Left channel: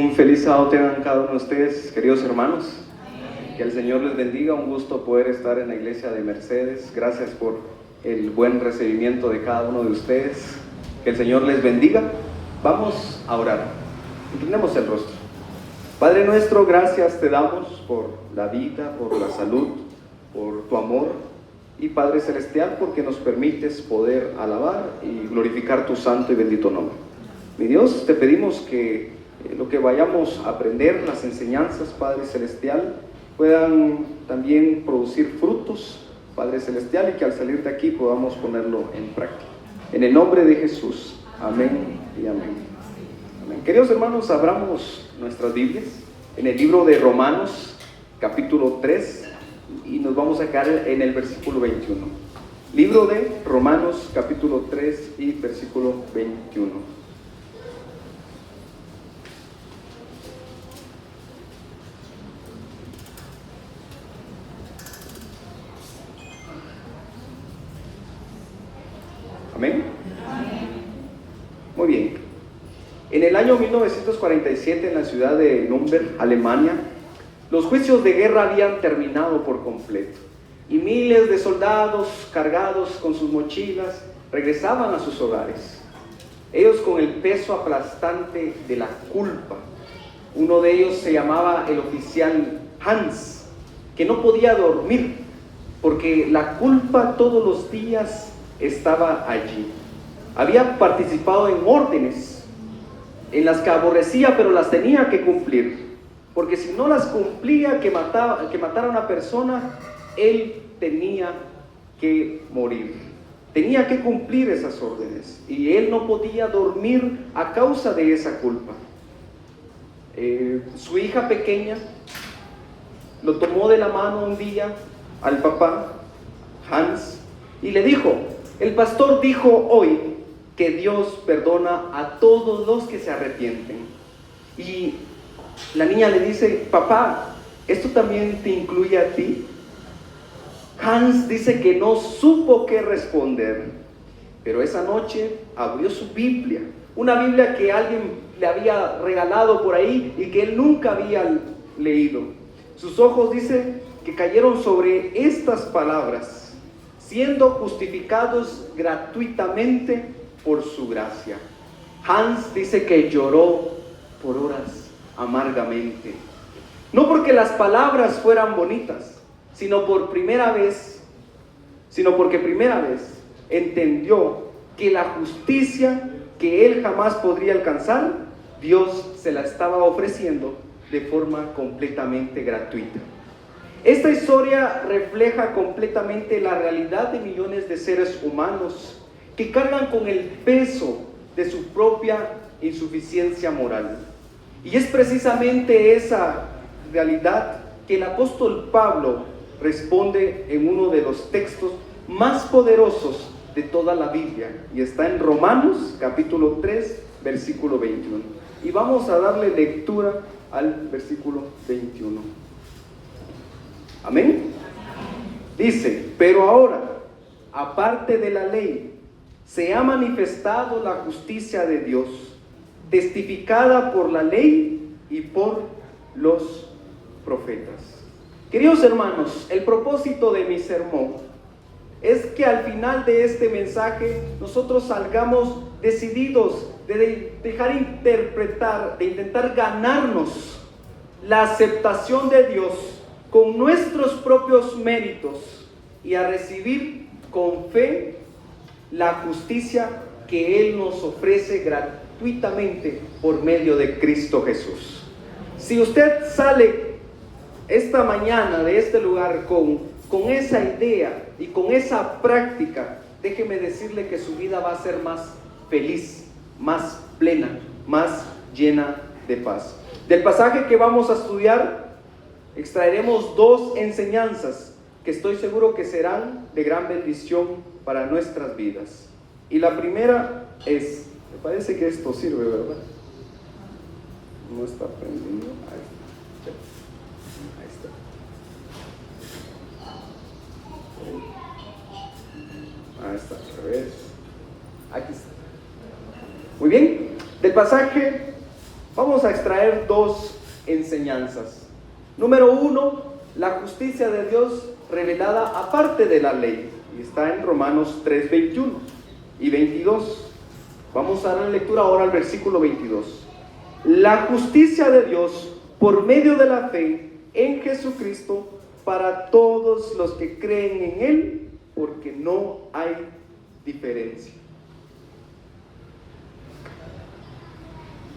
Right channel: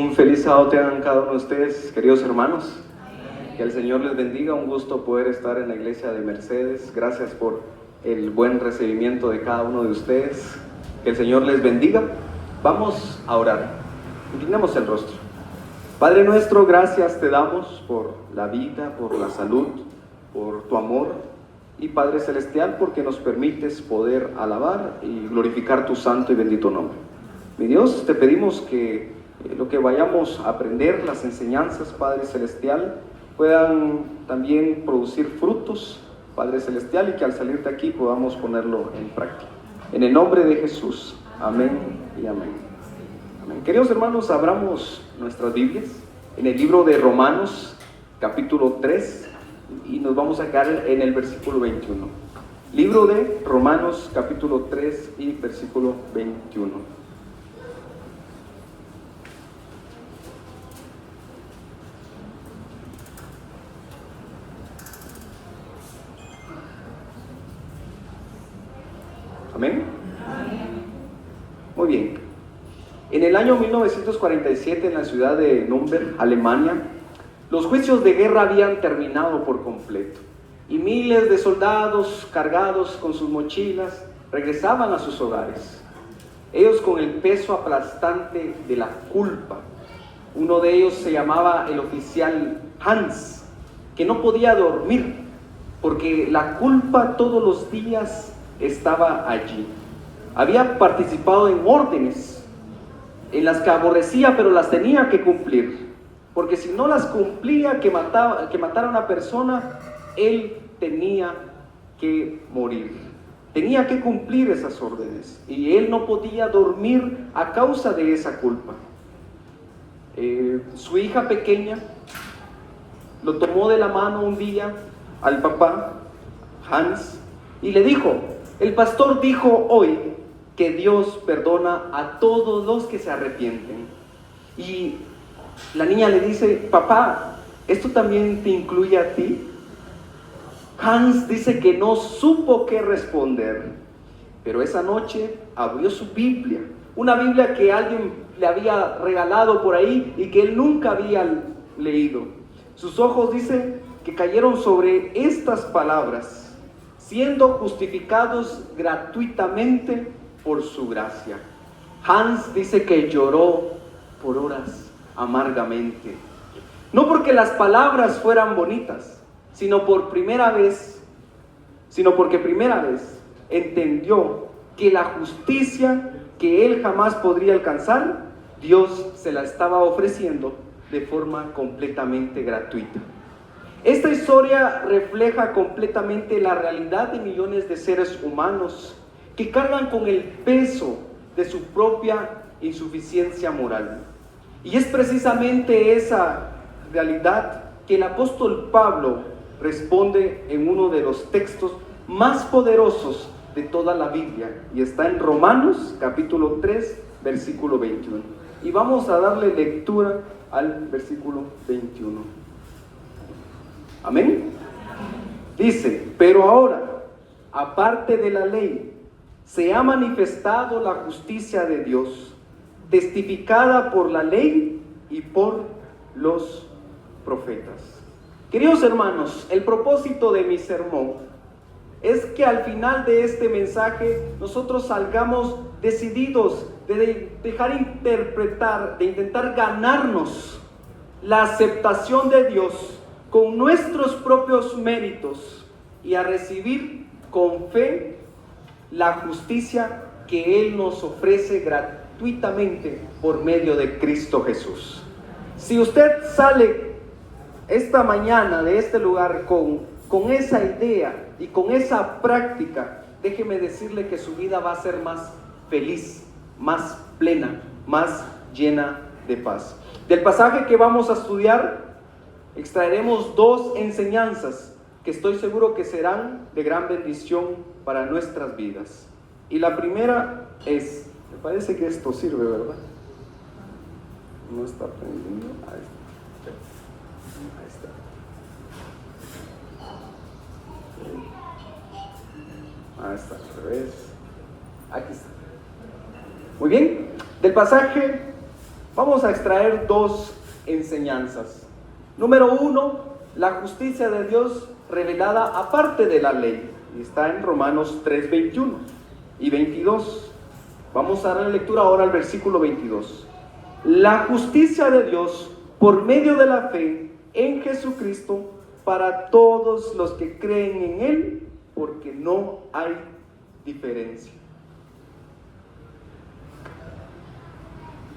Un feliz sábado tengan cada uno de ustedes, queridos hermanos. Que el Señor les bendiga. Un gusto poder estar en la iglesia de Mercedes. Gracias por el buen recibimiento de cada uno de ustedes. Que el Señor les bendiga. Vamos a orar. Inclinemos el rostro. Padre nuestro, gracias te damos por la vida, por la salud, por tu amor. Y Padre Celestial, porque nos permites poder alabar y glorificar tu santo y bendito nombre. Mi Dios, te pedimos que lo que vayamos a aprender, las enseñanzas, Padre Celestial, puedan también producir frutos, Padre Celestial, y que al salir de aquí podamos ponerlo en práctica. En el nombre de Jesús, amén y amén. Amén. Queridos hermanos, abramos nuestras Biblias en el libro de Romanos, capítulo 3, y nos vamos a quedar en el versículo 21. Libro de Romanos, capítulo 3 y versículo 21. ¿Amén? Muy bien. En el año 1947, en la ciudad de Nürnberg, Alemania, los juicios de guerra habían terminado por completo y miles de soldados cargados con sus mochilas regresaban a sus hogares. Ellos con el peso aplastante de la culpa. Uno de ellos se llamaba el oficial Hans, que no podía dormir porque la culpa todos los días estaba allí. Había participado en órdenes en las que aborrecía, pero las tenía que cumplir, porque si no las cumplía, que matara a una persona, él tenía que morir. Tenía que cumplir esas órdenes y él no podía dormir a causa de esa culpa. Su hija pequeña lo tomó de la mano un día al papá, Hans, y le dijo: el pastor dijo hoy que Dios perdona a todos los que se arrepienten. Y la niña le dice: papá, ¿esto también te incluye a ti? Hans dice que no supo qué responder, pero esa noche abrió su Biblia, una Biblia que alguien le había regalado por ahí y que él nunca había leído. Sus ojos, dice, que cayeron sobre estas palabras: siendo justificados gratuitamente por su gracia. Hans dice que lloró por horas amargamente, no porque las palabras fueran bonitas, sino porque primera vez entendió que la justicia que él jamás podría alcanzar, Dios se la estaba ofreciendo de forma completamente gratuita. Esta historia refleja completamente la realidad de millones de seres humanos que cargan con el peso de su propia insuficiencia moral. Y es precisamente esa realidad que el apóstol Pablo responde en uno de los textos más poderosos de toda la Biblia, y está en Romanos capítulo 3, versículo 21. Y vamos a darle lectura al versículo 21. Amén. Dice: pero ahora, aparte de la ley, se ha manifestado la justicia de Dios, testificada por la ley y por los profetas. Queridos hermanos, el propósito de mi sermón es que al final de este mensaje nosotros salgamos decididos de dejar interpretar, de intentar ganarnos la aceptación de Dios con nuestros propios méritos y a recibir con fe la justicia que Él nos ofrece gratuitamente por medio de Cristo Jesús. Si usted sale esta mañana de este lugar con esa idea y con esa práctica, déjeme decirle que su vida va a ser más feliz, más plena, más llena de paz. Del pasaje que vamos a estudiar, extraeremos dos enseñanzas que estoy seguro que serán de gran bendición para nuestras vidas. Y la primera es, me parece que esto sirve, ¿verdad? No está prendiendo. Ahí está, al revés. Aquí está. Muy bien, del pasaje Vamos a extraer dos enseñanzas. Número uno, la justicia de Dios revelada aparte de la ley. Y está en Romanos 3, 21 y 22. Vamos a dar lectura ahora al versículo 22. La justicia de Dios por medio de la fe en Jesucristo para todos los que creen en Él, porque no hay diferencia.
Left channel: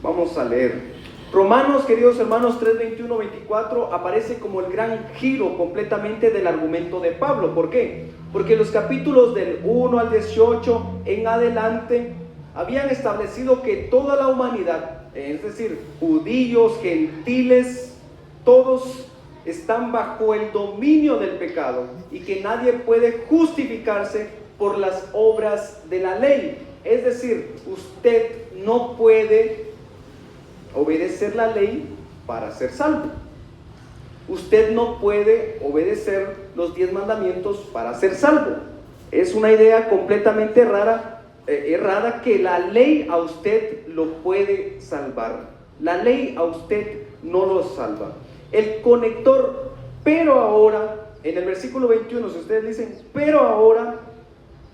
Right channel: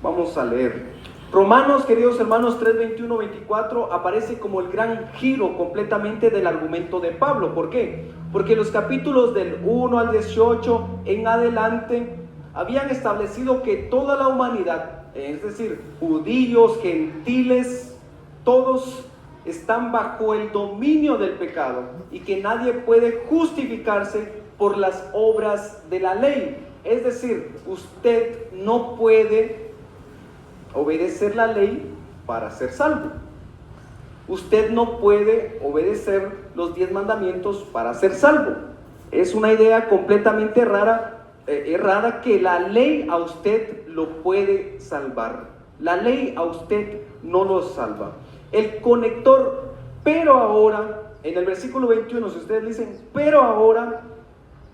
Vamos a leer. Romanos, queridos hermanos, 3, 21, 24 aparece como el gran giro completamente del argumento de Pablo. ¿Por qué? Porque los capítulos del 1 al 18 en adelante habían establecido que toda la humanidad, es decir, judíos, gentiles, todos están bajo el dominio del pecado y que nadie puede justificarse por las obras de la ley. Es decir, usted no puede obedecer la ley para ser salvo. Usted no puede obedecer los 10 mandamientos para ser salvo. Es una idea completamente errada que la ley a usted lo puede salvar. La ley a usted no lo salva. El conector, pero ahora, en el versículo 21, si ustedes dicen, pero ahora,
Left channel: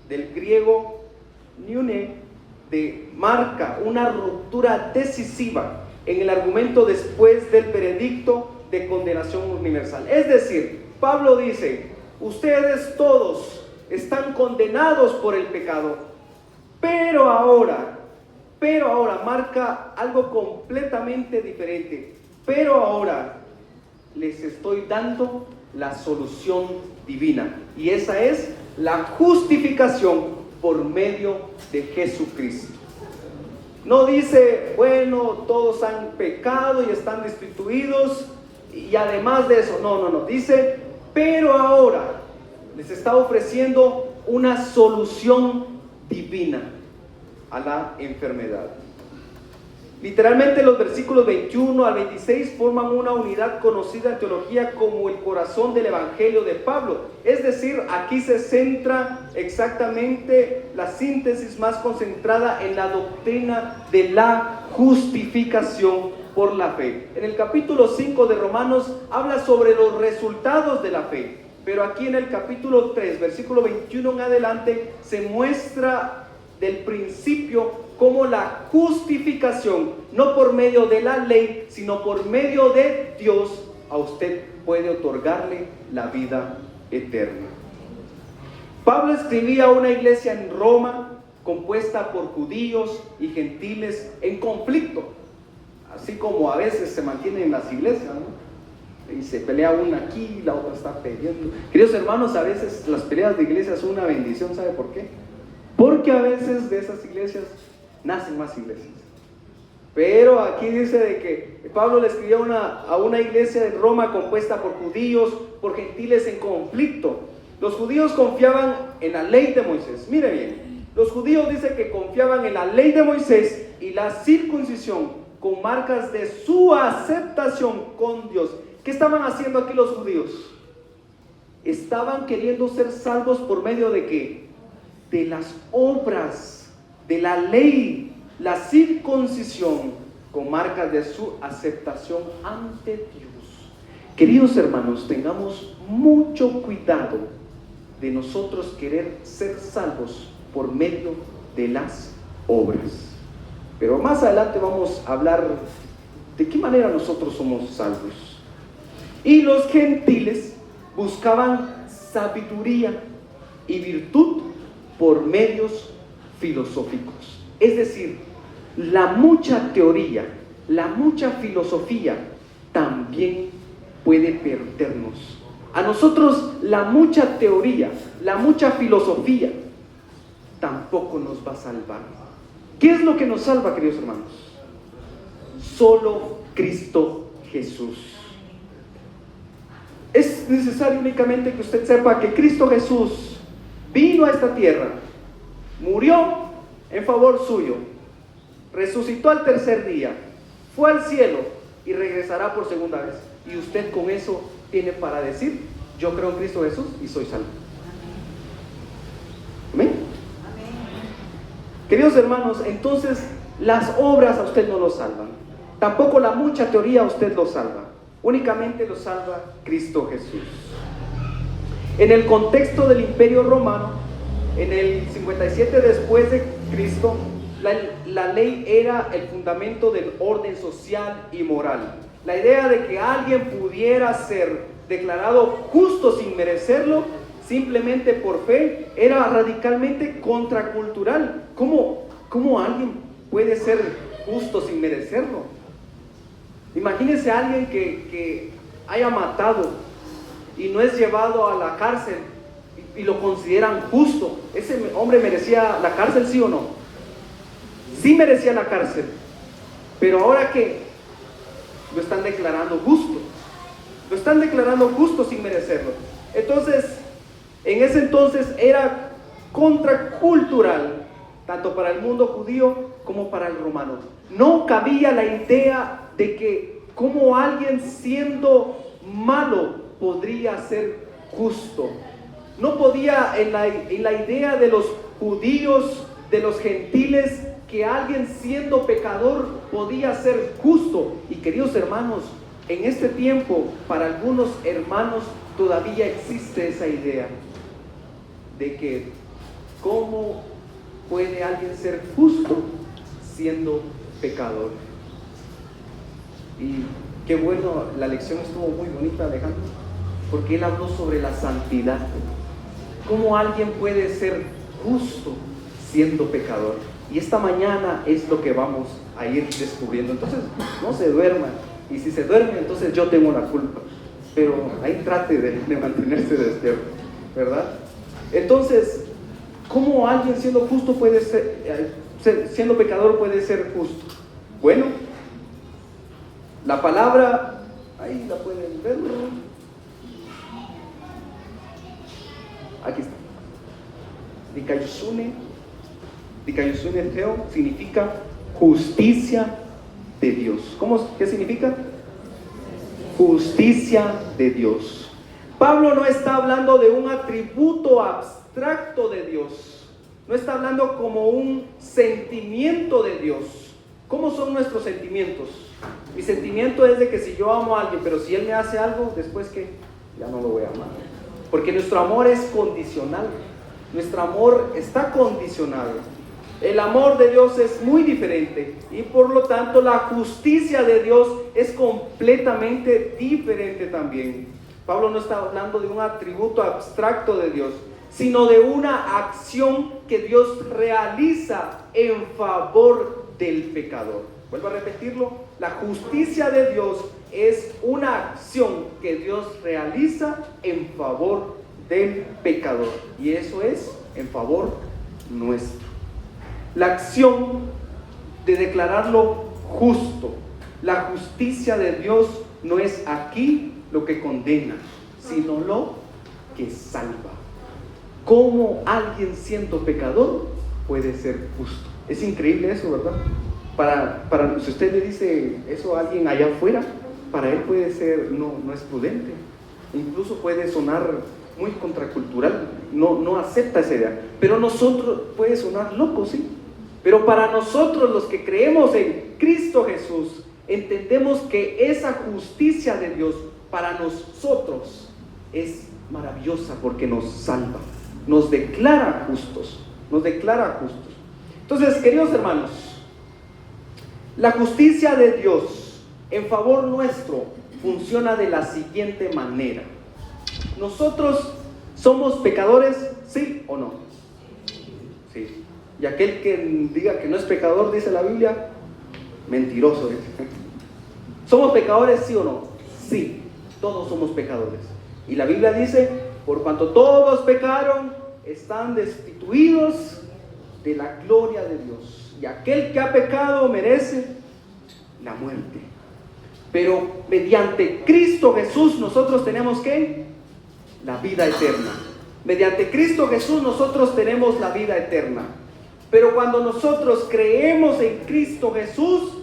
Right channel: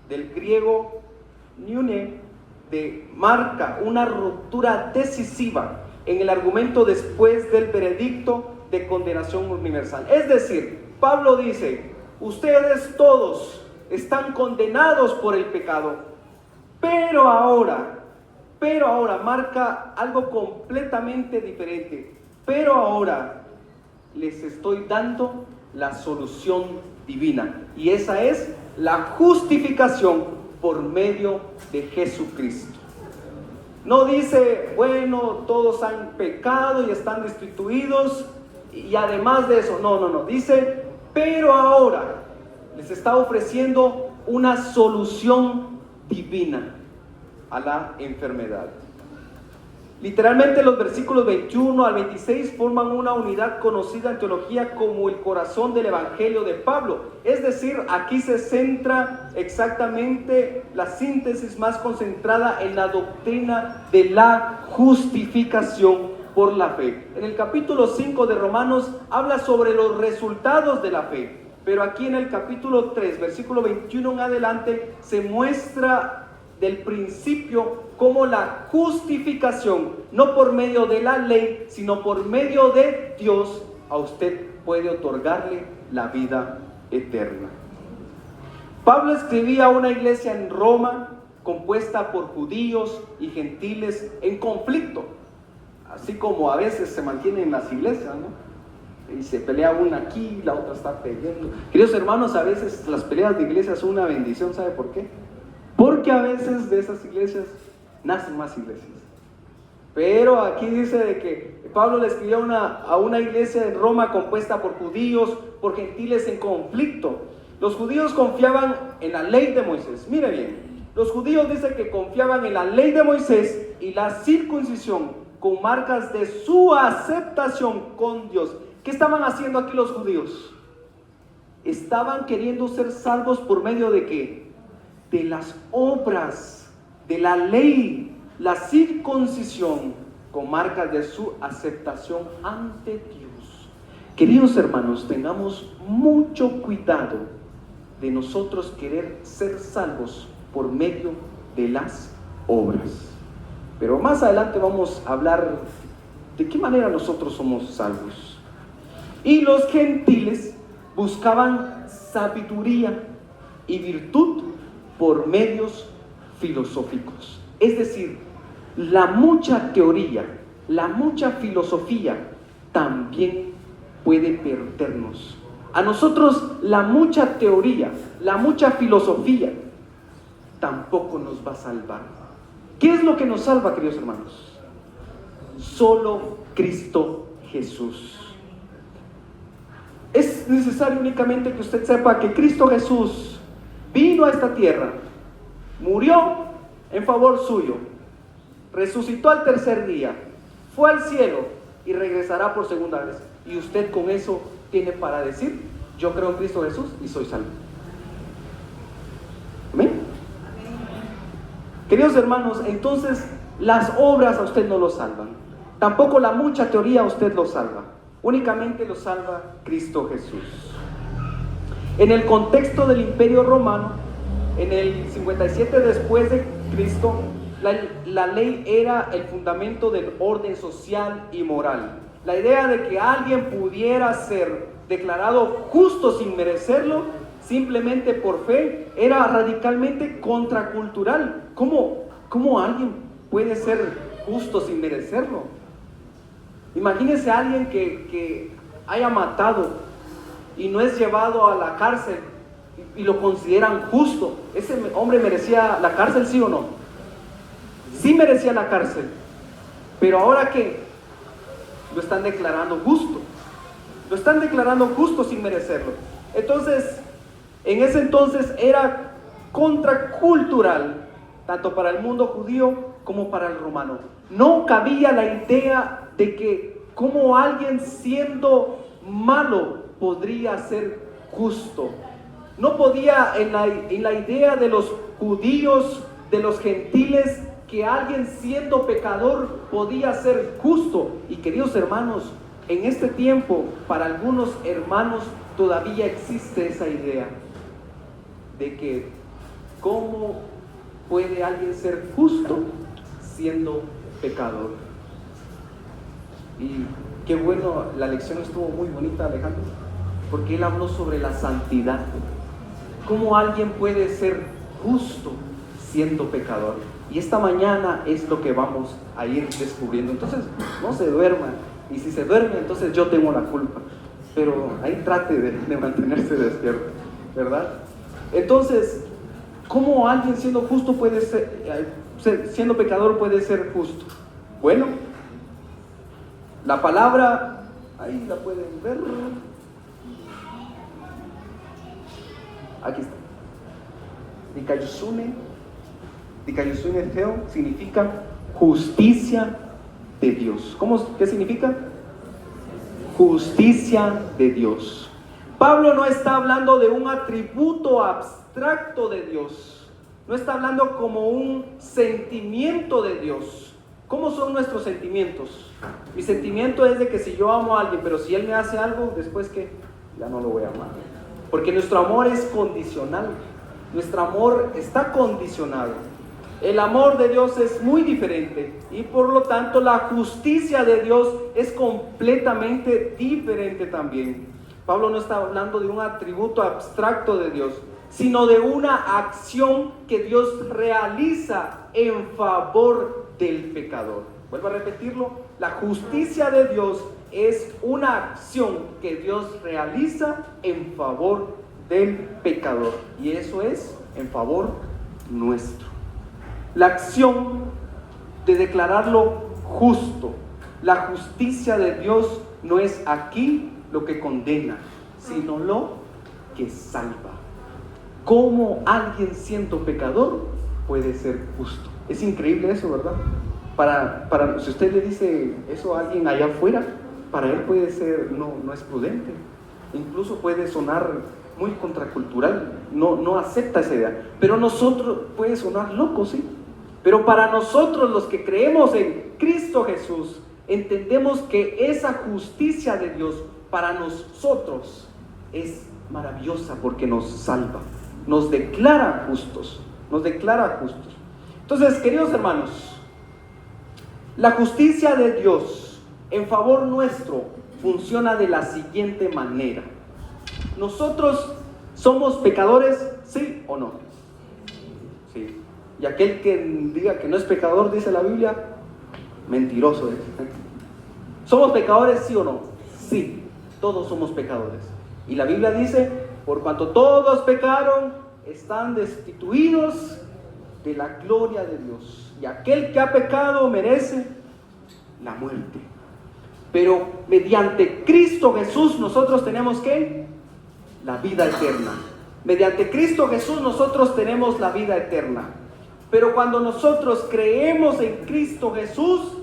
del griego niune, marca una ruptura decisiva en el argumento después del veredicto de condenación universal. Es decir, Pablo dice, ustedes todos están condenados por el pecado, pero ahora marca algo completamente diferente. Pero ahora les estoy dando la solución divina, y esa es la justificación por medio de Jesucristo. No dice, bueno, todos han pecado y están destituidos, y además de eso, no, dice, pero ahora les está ofreciendo una solución divina a la enfermedad. Literalmente los versículos 21 al 26 forman una unidad conocida en teología como el corazón del evangelio de Pablo. Es decir, aquí se centra exactamente la síntesis más concentrada en la doctrina de la justificación por la fe. En el capítulo 5 de Romanos habla sobre los resultados de la fe, pero aquí en el capítulo 3, versículo 21 en adelante, se muestra del principio como la justificación, no por medio de la ley, sino por medio de Dios, a usted puede otorgarle la vida eterna. Pablo escribía a una iglesia en Roma compuesta por judíos y gentiles en conflicto, así como a veces se mantienen las iglesias, ¿no? Y se pelea una aquí, la otra está peleando. Queridos hermanos, a veces las peleas de iglesias son una bendición. ¿Sabe por qué? Porque a veces de esas iglesias nacen más iglesias. Pero aquí dice de que Pablo le escribió a una iglesia en Roma compuesta por judíos, por gentiles en conflicto. Los judíos confiaban en la ley de Moisés. Mire bien, los judíos dicen que confiaban en la ley de Moisés y la circuncisión con marcas de su aceptación con Dios. ¿Qué estaban haciendo aquí los judíos? Estaban queriendo ser salvos por medio de ¿qué? De las obras, de la ley, la circuncisión con marcas de su aceptación ante Dios. Queridos hermanos, tengamos mucho cuidado de nosotros querer ser salvos por medio de las obras. Pero más adelante vamos a hablar de qué manera nosotros somos salvos. Y los gentiles buscaban sabiduría y virtud por medios filosóficos. Es decir, la mucha teoría, la mucha filosofía también puede perdernos. A nosotros la mucha teoría, la mucha filosofía tampoco nos va a salvar. ¿Qué es lo que nos salva, queridos hermanos? Solo Cristo Jesús. Es necesario únicamente que usted sepa que Cristo Jesús vino a esta tierra, murió en favor suyo, resucitó al tercer día, fue al cielo y regresará por segunda vez. Y usted con eso tiene para decir, yo creo en Cristo Jesús y soy salvo. ¿Amén? Queridos hermanos, entonces las obras a usted no lo salvan. Tampoco la mucha teoría a usted lo salva. Únicamente lo salva Cristo Jesús. En el contexto del Imperio Romano, en el 57 después de Cristo, la ley era el fundamento del orden social y moral. La idea de que alguien pudiera ser declarado justo sin merecerlo, simplemente por fe, era radicalmente contracultural. ¿Cómo alguien puede ser justo sin merecerlo? Imagínese a alguien que haya matado y no es llevado a la cárcel y lo consideran justo. ¿Ese hombre merecía la cárcel, sí o no? Sí merecía la cárcel, pero ahora que lo están declarando justo, lo están declarando justo sin merecerlo. Entonces, en ese entonces era contracultural, tanto para el mundo judío como para el romano. No cabía la idea de que como alguien siendo malo podría ser justo. No podía en la idea de los judíos, de los gentiles, que alguien siendo pecador podía ser justo. Y queridos hermanos, en este tiempo, para algunos hermanos todavía existe esa idea de que ¿cómo puede alguien ser justo siendo pecador? Y qué bueno, la lección estuvo muy bonita, Alejandro, porque él habló sobre la santidad. ¿Cómo alguien puede ser justo siendo pecador? Y esta mañana es lo que vamos a ir descubriendo. Entonces, no se duerma. Y si se duerme, entonces yo tengo la culpa. Pero ahí trate de mantenerse despierto, ¿verdad? Entonces, ¿cómo alguien siendo justo puede siendo pecador puede ser justo? Bueno, la palabra, ahí la pueden ver. Aquí está. Dikaiosune Theo significa justicia de Dios. ¿Qué significa? Justicia de Dios. Pablo no está hablando de un atributo abstracto de Dios. No está hablando como un sentimiento de Dios. ¿Cómo son nuestros sentimientos? Mi sentimiento es de que si yo amo a alguien, pero si él me hace algo, después que ya no lo voy a amar. Porque nuestro amor es condicional. Nuestro amor está condicionado. El amor de Dios es muy diferente y por lo tanto la justicia de Dios es completamente diferente también. Pablo no está hablando de un atributo abstracto de Dios, sino de una acción que Dios realiza en favor del pecador. Vuelvo a repetirlo, la justicia de Dios es una acción que Dios realiza en favor del pecador, y eso es en favor nuestro. La acción de declararlo justo, la justicia de Dios no es aquí lo que condena, sino lo que salva. ¿Cómo alguien siendo pecador puede ser justo? Es increíble eso, ¿verdad? Si usted le dice eso a alguien allá afuera, para él puede ser, no es prudente, incluso puede sonar muy contracultural, no acepta esa idea, pero nosotros puede sonar loco, sí, pero para nosotros los que creemos en Cristo Jesús, entendemos que esa justicia de Dios para nosotros es maravillosa porque nos salva, nos declara justos, Entonces, queridos hermanos, la justicia de Dios en favor nuestro funciona de la siguiente manera. ¿Nosotros somos pecadores, sí o no? Sí. Y aquel que diga que no es pecador, dice la Biblia, mentiroso es. ¿Somos pecadores, sí o no? Sí, todos somos pecadores. Y la Biblia dice, por cuanto todos pecaron, están destituidos de la gloria de Dios. Y aquel que ha pecado merece la muerte. Pero mediante Cristo Jesús nosotros tenemos ¿qué? La vida eterna. Mediante Cristo Jesús nosotros tenemos la vida eterna. Pero cuando nosotros creemos en Cristo Jesús,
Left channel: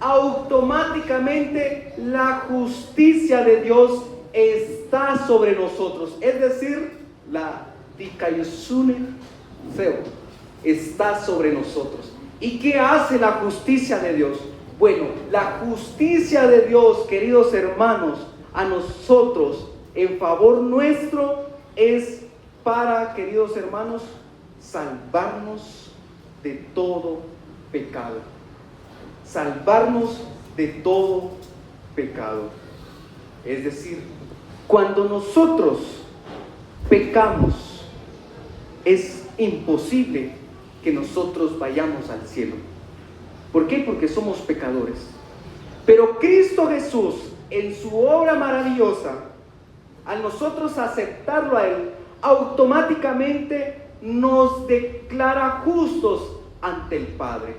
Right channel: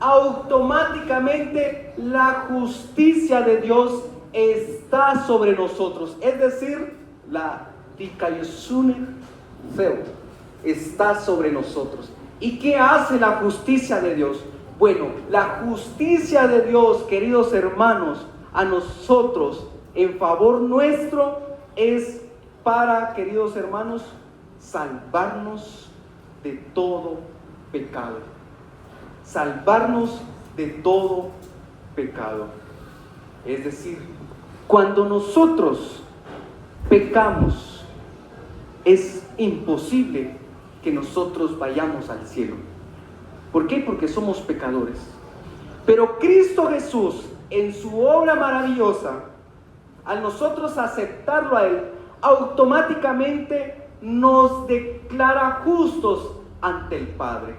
automáticamente la justicia de Dios está sobre nosotros. Es decir, la Dikaiosune Theo está sobre nosotros. ¿Y qué hace la justicia de Dios? Bueno, la justicia de Dios, queridos hermanos, a nosotros, en favor nuestro, es para, queridos hermanos, salvarnos de todo pecado. Salvarnos de todo pecado. Es decir, cuando nosotros pecamos, es imposible que nosotros vayamos al cielo. ¿Por qué? Porque somos pecadores. Pero Cristo Jesús, en su obra maravillosa, al nosotros aceptarlo a Él, automáticamente nos declara justos ante el Padre.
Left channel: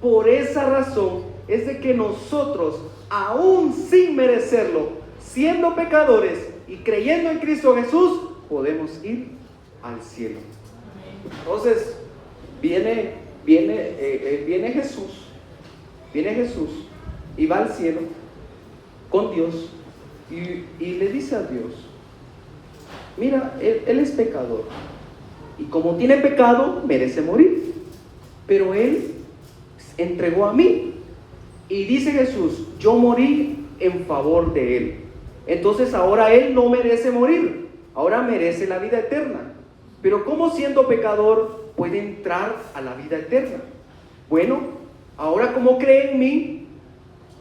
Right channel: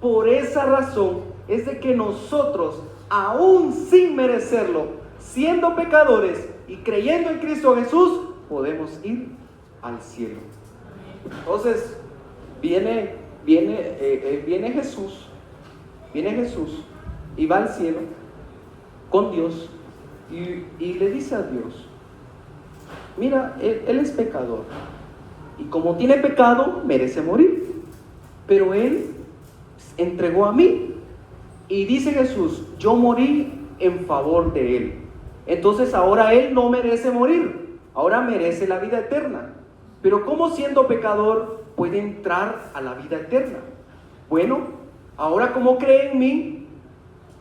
Por esa razón es de que nosotros, aún sin merecerlo, siendo pecadores y creyendo en Cristo Jesús, podemos ir al cielo. Entonces, viene Jesús y va al cielo con Dios y le dice a Dios: mira, él es pecador y como tiene pecado merece morir, pero él entregó a mí. Y dice Jesús: yo morí en favor de él. Entonces ahora él no merece morir, ahora merece la vida eterna. Pero ¿cómo siendo pecador puede entrar a la vida eterna? Bueno, ahora como cree en mí,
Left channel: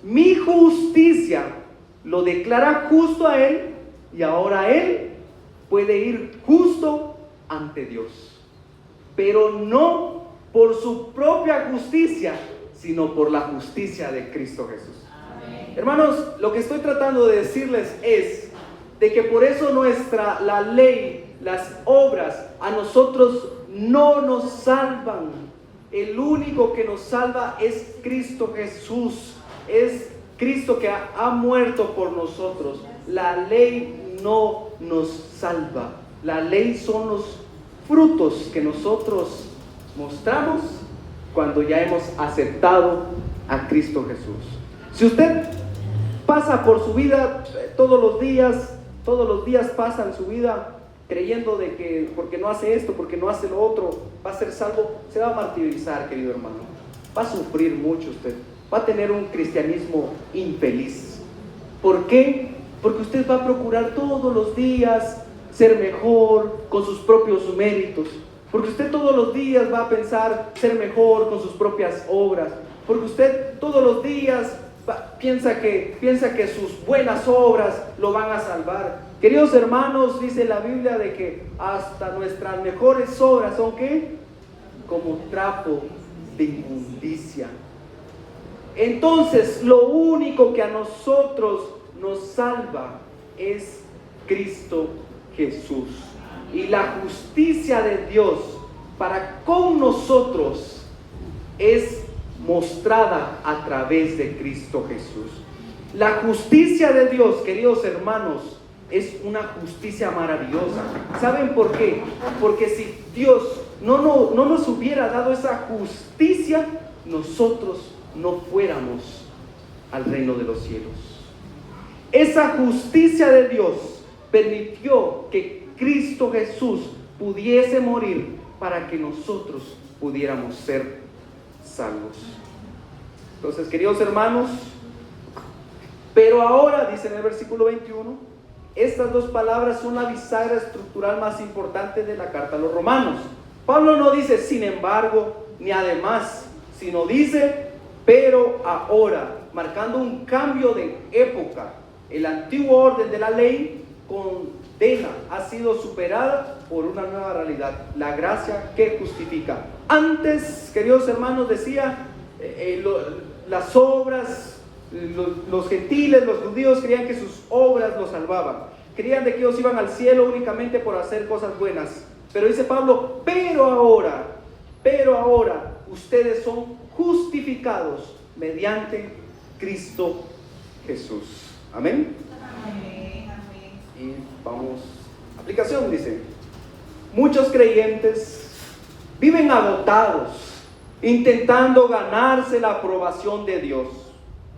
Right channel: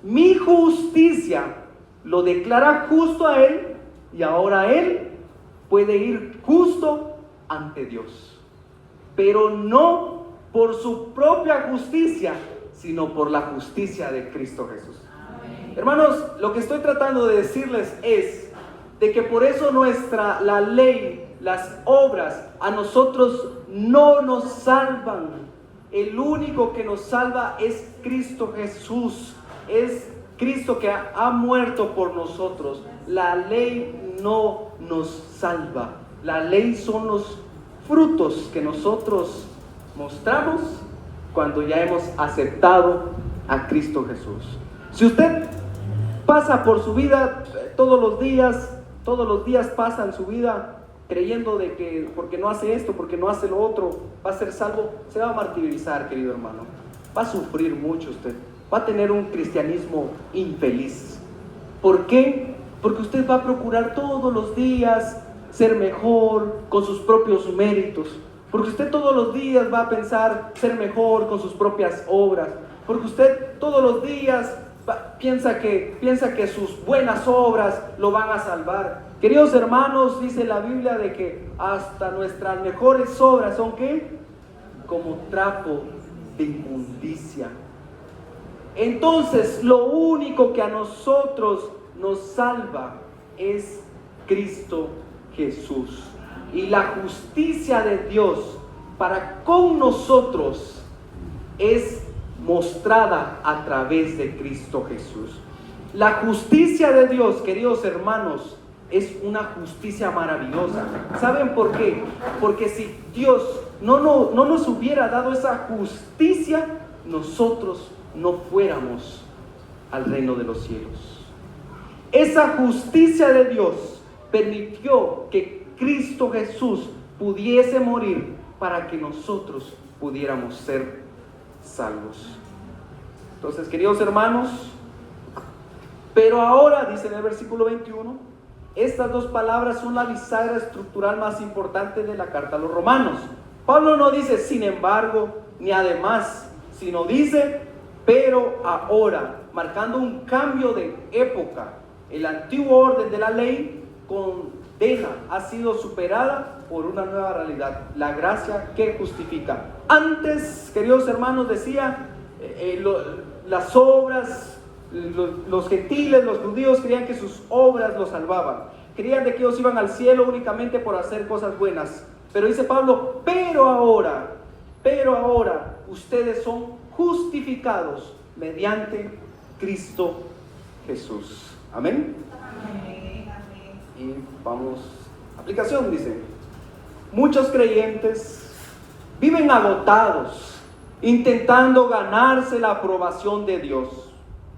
mi justicia lo declara justo a él, y ahora él puede ir justo ante Dios. Pero no por su propia justicia, sino por la justicia de Cristo Jesús. Amén. Hermanos, lo que estoy tratando de decirles es de que por eso la ley, las obras, a nosotros no nos salvan. El único que nos salva es Cristo Jesús. Es Cristo que ha muerto por nosotros. La ley no nos salva. La ley son los frutos que nosotros mostramos cuando ya hemos aceptado a Cristo Jesús. Si usted pasa por su vida todos los días pasa en su vida creyendo de que porque no hace esto, porque no hace lo otro, va a ser salvo, se va a martirizar, querido hermano. Va a sufrir mucho usted. Va a tener un cristianismo infeliz. ¿Por qué? Porque usted va a procurar todos los días ser mejor con sus propios méritos. Porque usted todos los días va a pensar ser mejor con sus propias obras. Porque usted todos los días piensa que sus buenas obras lo van a salvar. Queridos hermanos, dice la Biblia de que hasta nuestras mejores obras son ¿qué? Como trapo de inmundicia. Entonces, lo único que a nosotros nos salva es Cristo Jesús. Y la justicia de Dios para con nosotros es mostrada a través de Cristo Jesús. La justicia de Dios, queridos hermanos, es una justicia maravillosa. ¿Saben por qué? Porque si Dios no nos hubiera dado esa justicia, nosotros no fuéramos al reino de los cielos. Esa justicia de Dios permitió que Cristo Jesús pudiese morir para que nosotros pudiéramos ser salvos. Entonces, queridos hermanos, pero ahora, dice en el versículo 21, estas dos palabras son la bisagra estructural más importante de la carta a los romanos. Pablo no dice sin embargo, ni además, sino dice pero ahora, marcando un cambio de época. El antiguo orden de la ley condena ha sido superada por una nueva realidad, la gracia que justifica. Antes, queridos hermanos, decía las obras, los gentiles, los judíos creían que sus obras los salvaban, creían de que ellos iban al cielo únicamente por hacer cosas buenas. Pero dice Pablo, pero ahora ustedes son justificados mediante Cristo Jesús. Amén. Amén. Y vamos, aplicación dice: muchos creyentes viven agotados intentando ganarse la aprobación de Dios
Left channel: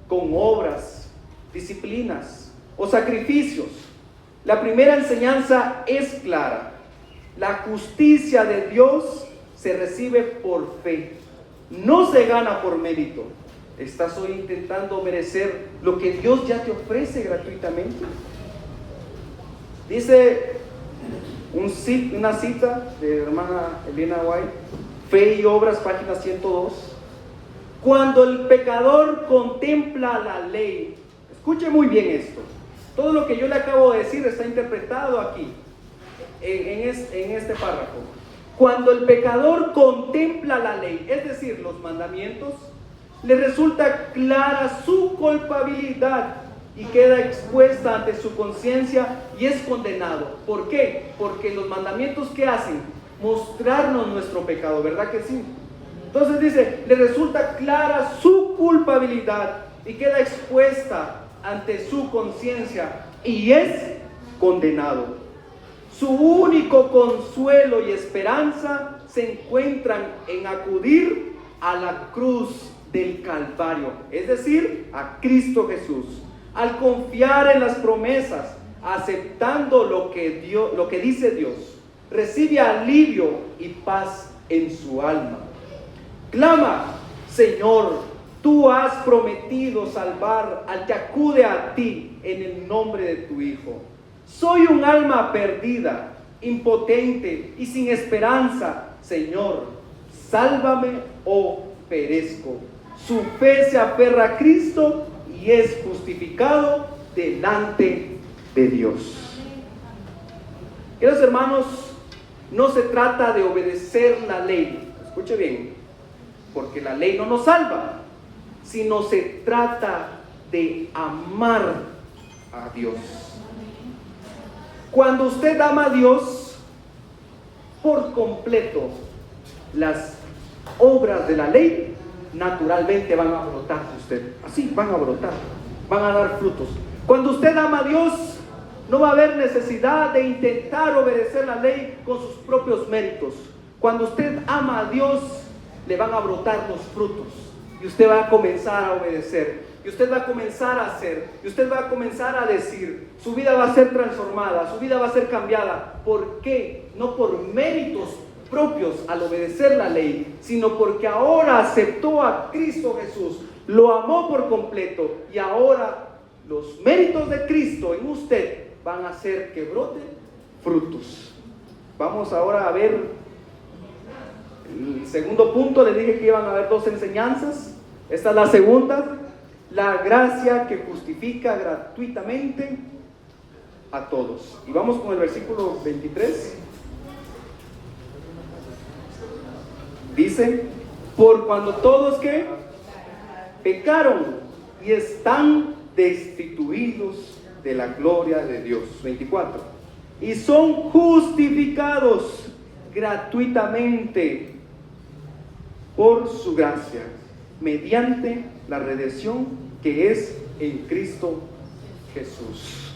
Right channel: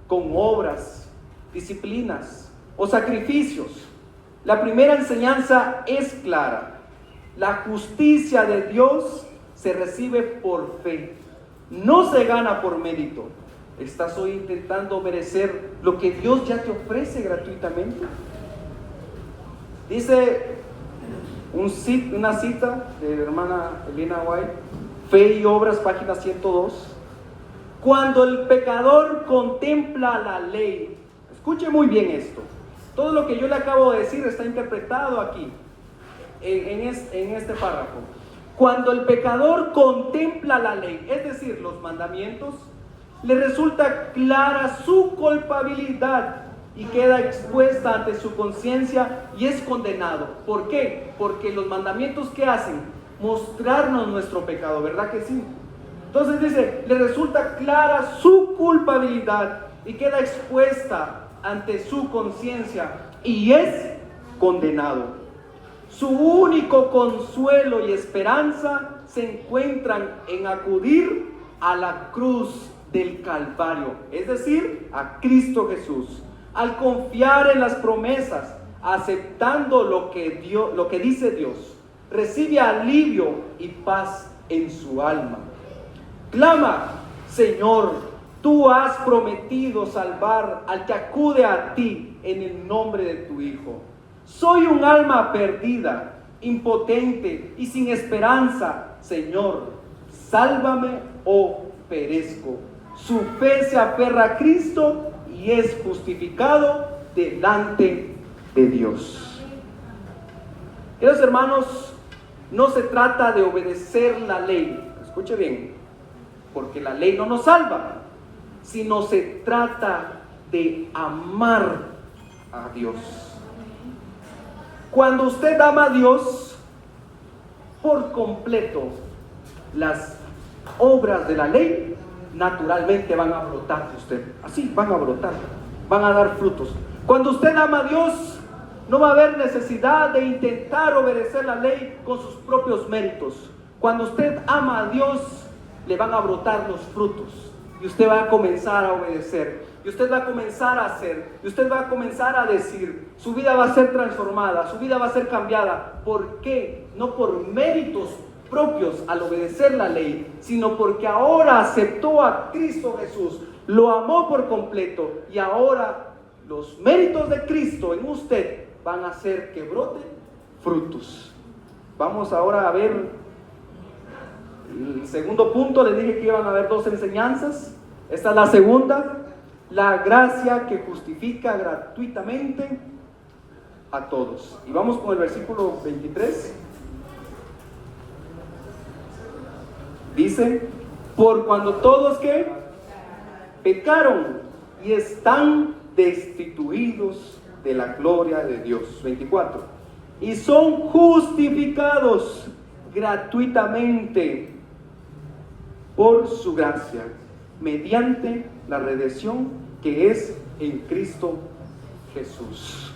con obras, disciplinas o sacrificios. La primera enseñanza es clara: la justicia de Dios se recibe por fe, no se gana por mérito. ¿Estás hoy intentando merecer lo que Dios ya te ofrece gratuitamente? Dice una cita de hermana Elena White, Fe y Obras, página 102. Cuando el pecador contempla la ley, escuche muy bien esto, todo lo que yo le acabo de decir está interpretado aquí, en este párrafo. Cuando el pecador contempla la ley, es decir, los mandamientos, le resulta clara su culpabilidad y queda expuesta ante su conciencia y es condenado. ¿Por qué? Porque los mandamientos, ¿qué hacen? Mostrarnos nuestro pecado, ¿verdad que sí? Entonces dice, le resulta clara su culpabilidad y queda expuesta ante su conciencia y es condenado. Su único consuelo y esperanza se encuentran en acudir a la cruz del Calvario, es decir, a Cristo Jesús. Al confiar en las promesas, aceptando lo que dice Dios, recibe alivio y paz en su alma. Clama, Señor, tú has prometido salvar al que acude a ti en el nombre de tu Hijo. Soy un alma perdida, impotente y sin esperanza. Señor, sálvame o perezco. Su fe se aferra a Cristo y es justificado delante de Dios. Queridos hermanos, no se trata de obedecer la ley, escuche bien, porque la ley no nos salva, sino se trata de amar a Dios. Cuando usted ama a Dios por completo, las obras de la ley naturalmente van a brotar de usted. Así van a brotar, van a dar frutos. Cuando usted ama a Dios, no va a haber necesidad de intentar obedecer la ley con sus propios méritos. Cuando usted ama a Dios, le van a brotar los frutos y usted va a comenzar a obedecer, y usted va a comenzar a hacer, y usted va a comenzar a decir. Su vida va a ser transformada, su vida va a ser cambiada. ¿Por qué? No por méritos propios al obedecer la ley, sino porque ahora aceptó a Cristo Jesús, lo amó por completo, y ahora los méritos de Cristo en usted van a hacer que broten frutos. Vamos ahora a ver el segundo punto. Le dije que iban a haber dos enseñanzas. Esta es la segunda: la gracia que justifica gratuitamente a todos. Y vamos con el versículo 23. Dice, por cuando todos que pecaron y están destituidos de la gloria de Dios. 24. Y son justificados gratuitamente por su gracia, mediante la redención que es en Cristo Jesús.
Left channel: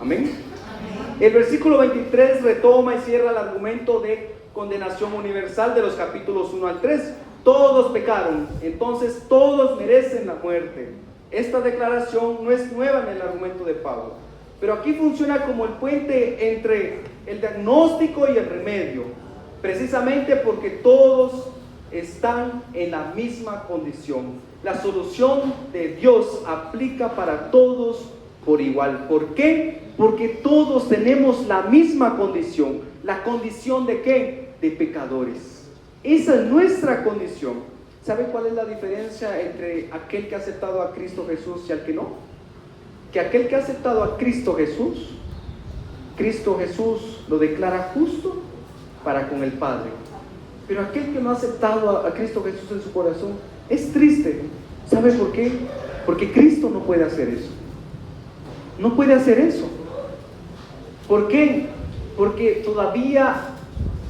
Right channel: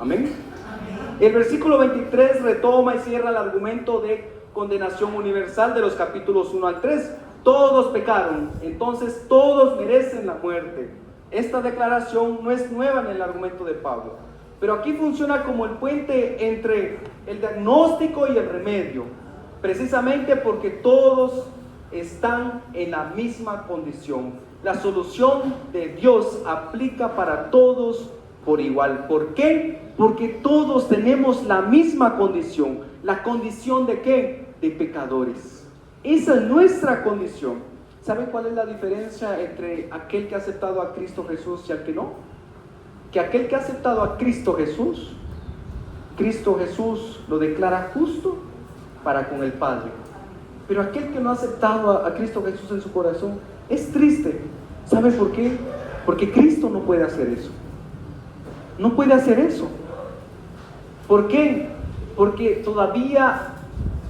Amén. El versículo 23 retoma y cierra el argumento de condenación universal de los capítulos 1 al 3. Todos pecaron, entonces todos merecen la muerte. Esta declaración no es nueva en el argumento de Pablo, pero aquí funciona como el puente entre el diagnóstico y el remedio, precisamente porque todos están en la misma condición. La solución de Dios aplica para todos por igual. ¿Por qué? Porque todos tenemos la misma condición. ¿La condición de qué? De pecadores. Esa es nuestra condición. ¿Sabe cuál es la diferencia entre aquel que ha aceptado a Cristo Jesús y al que no? Que aquel que ha aceptado a Cristo Jesús lo declara justo para con el Padre. Pero aquel que no ha aceptado a Cristo Jesús en su corazón es triste. ¿Sabe por qué? Porque Cristo no puede hacer eso. No puede hacer eso. ¿Por qué? Porque todavía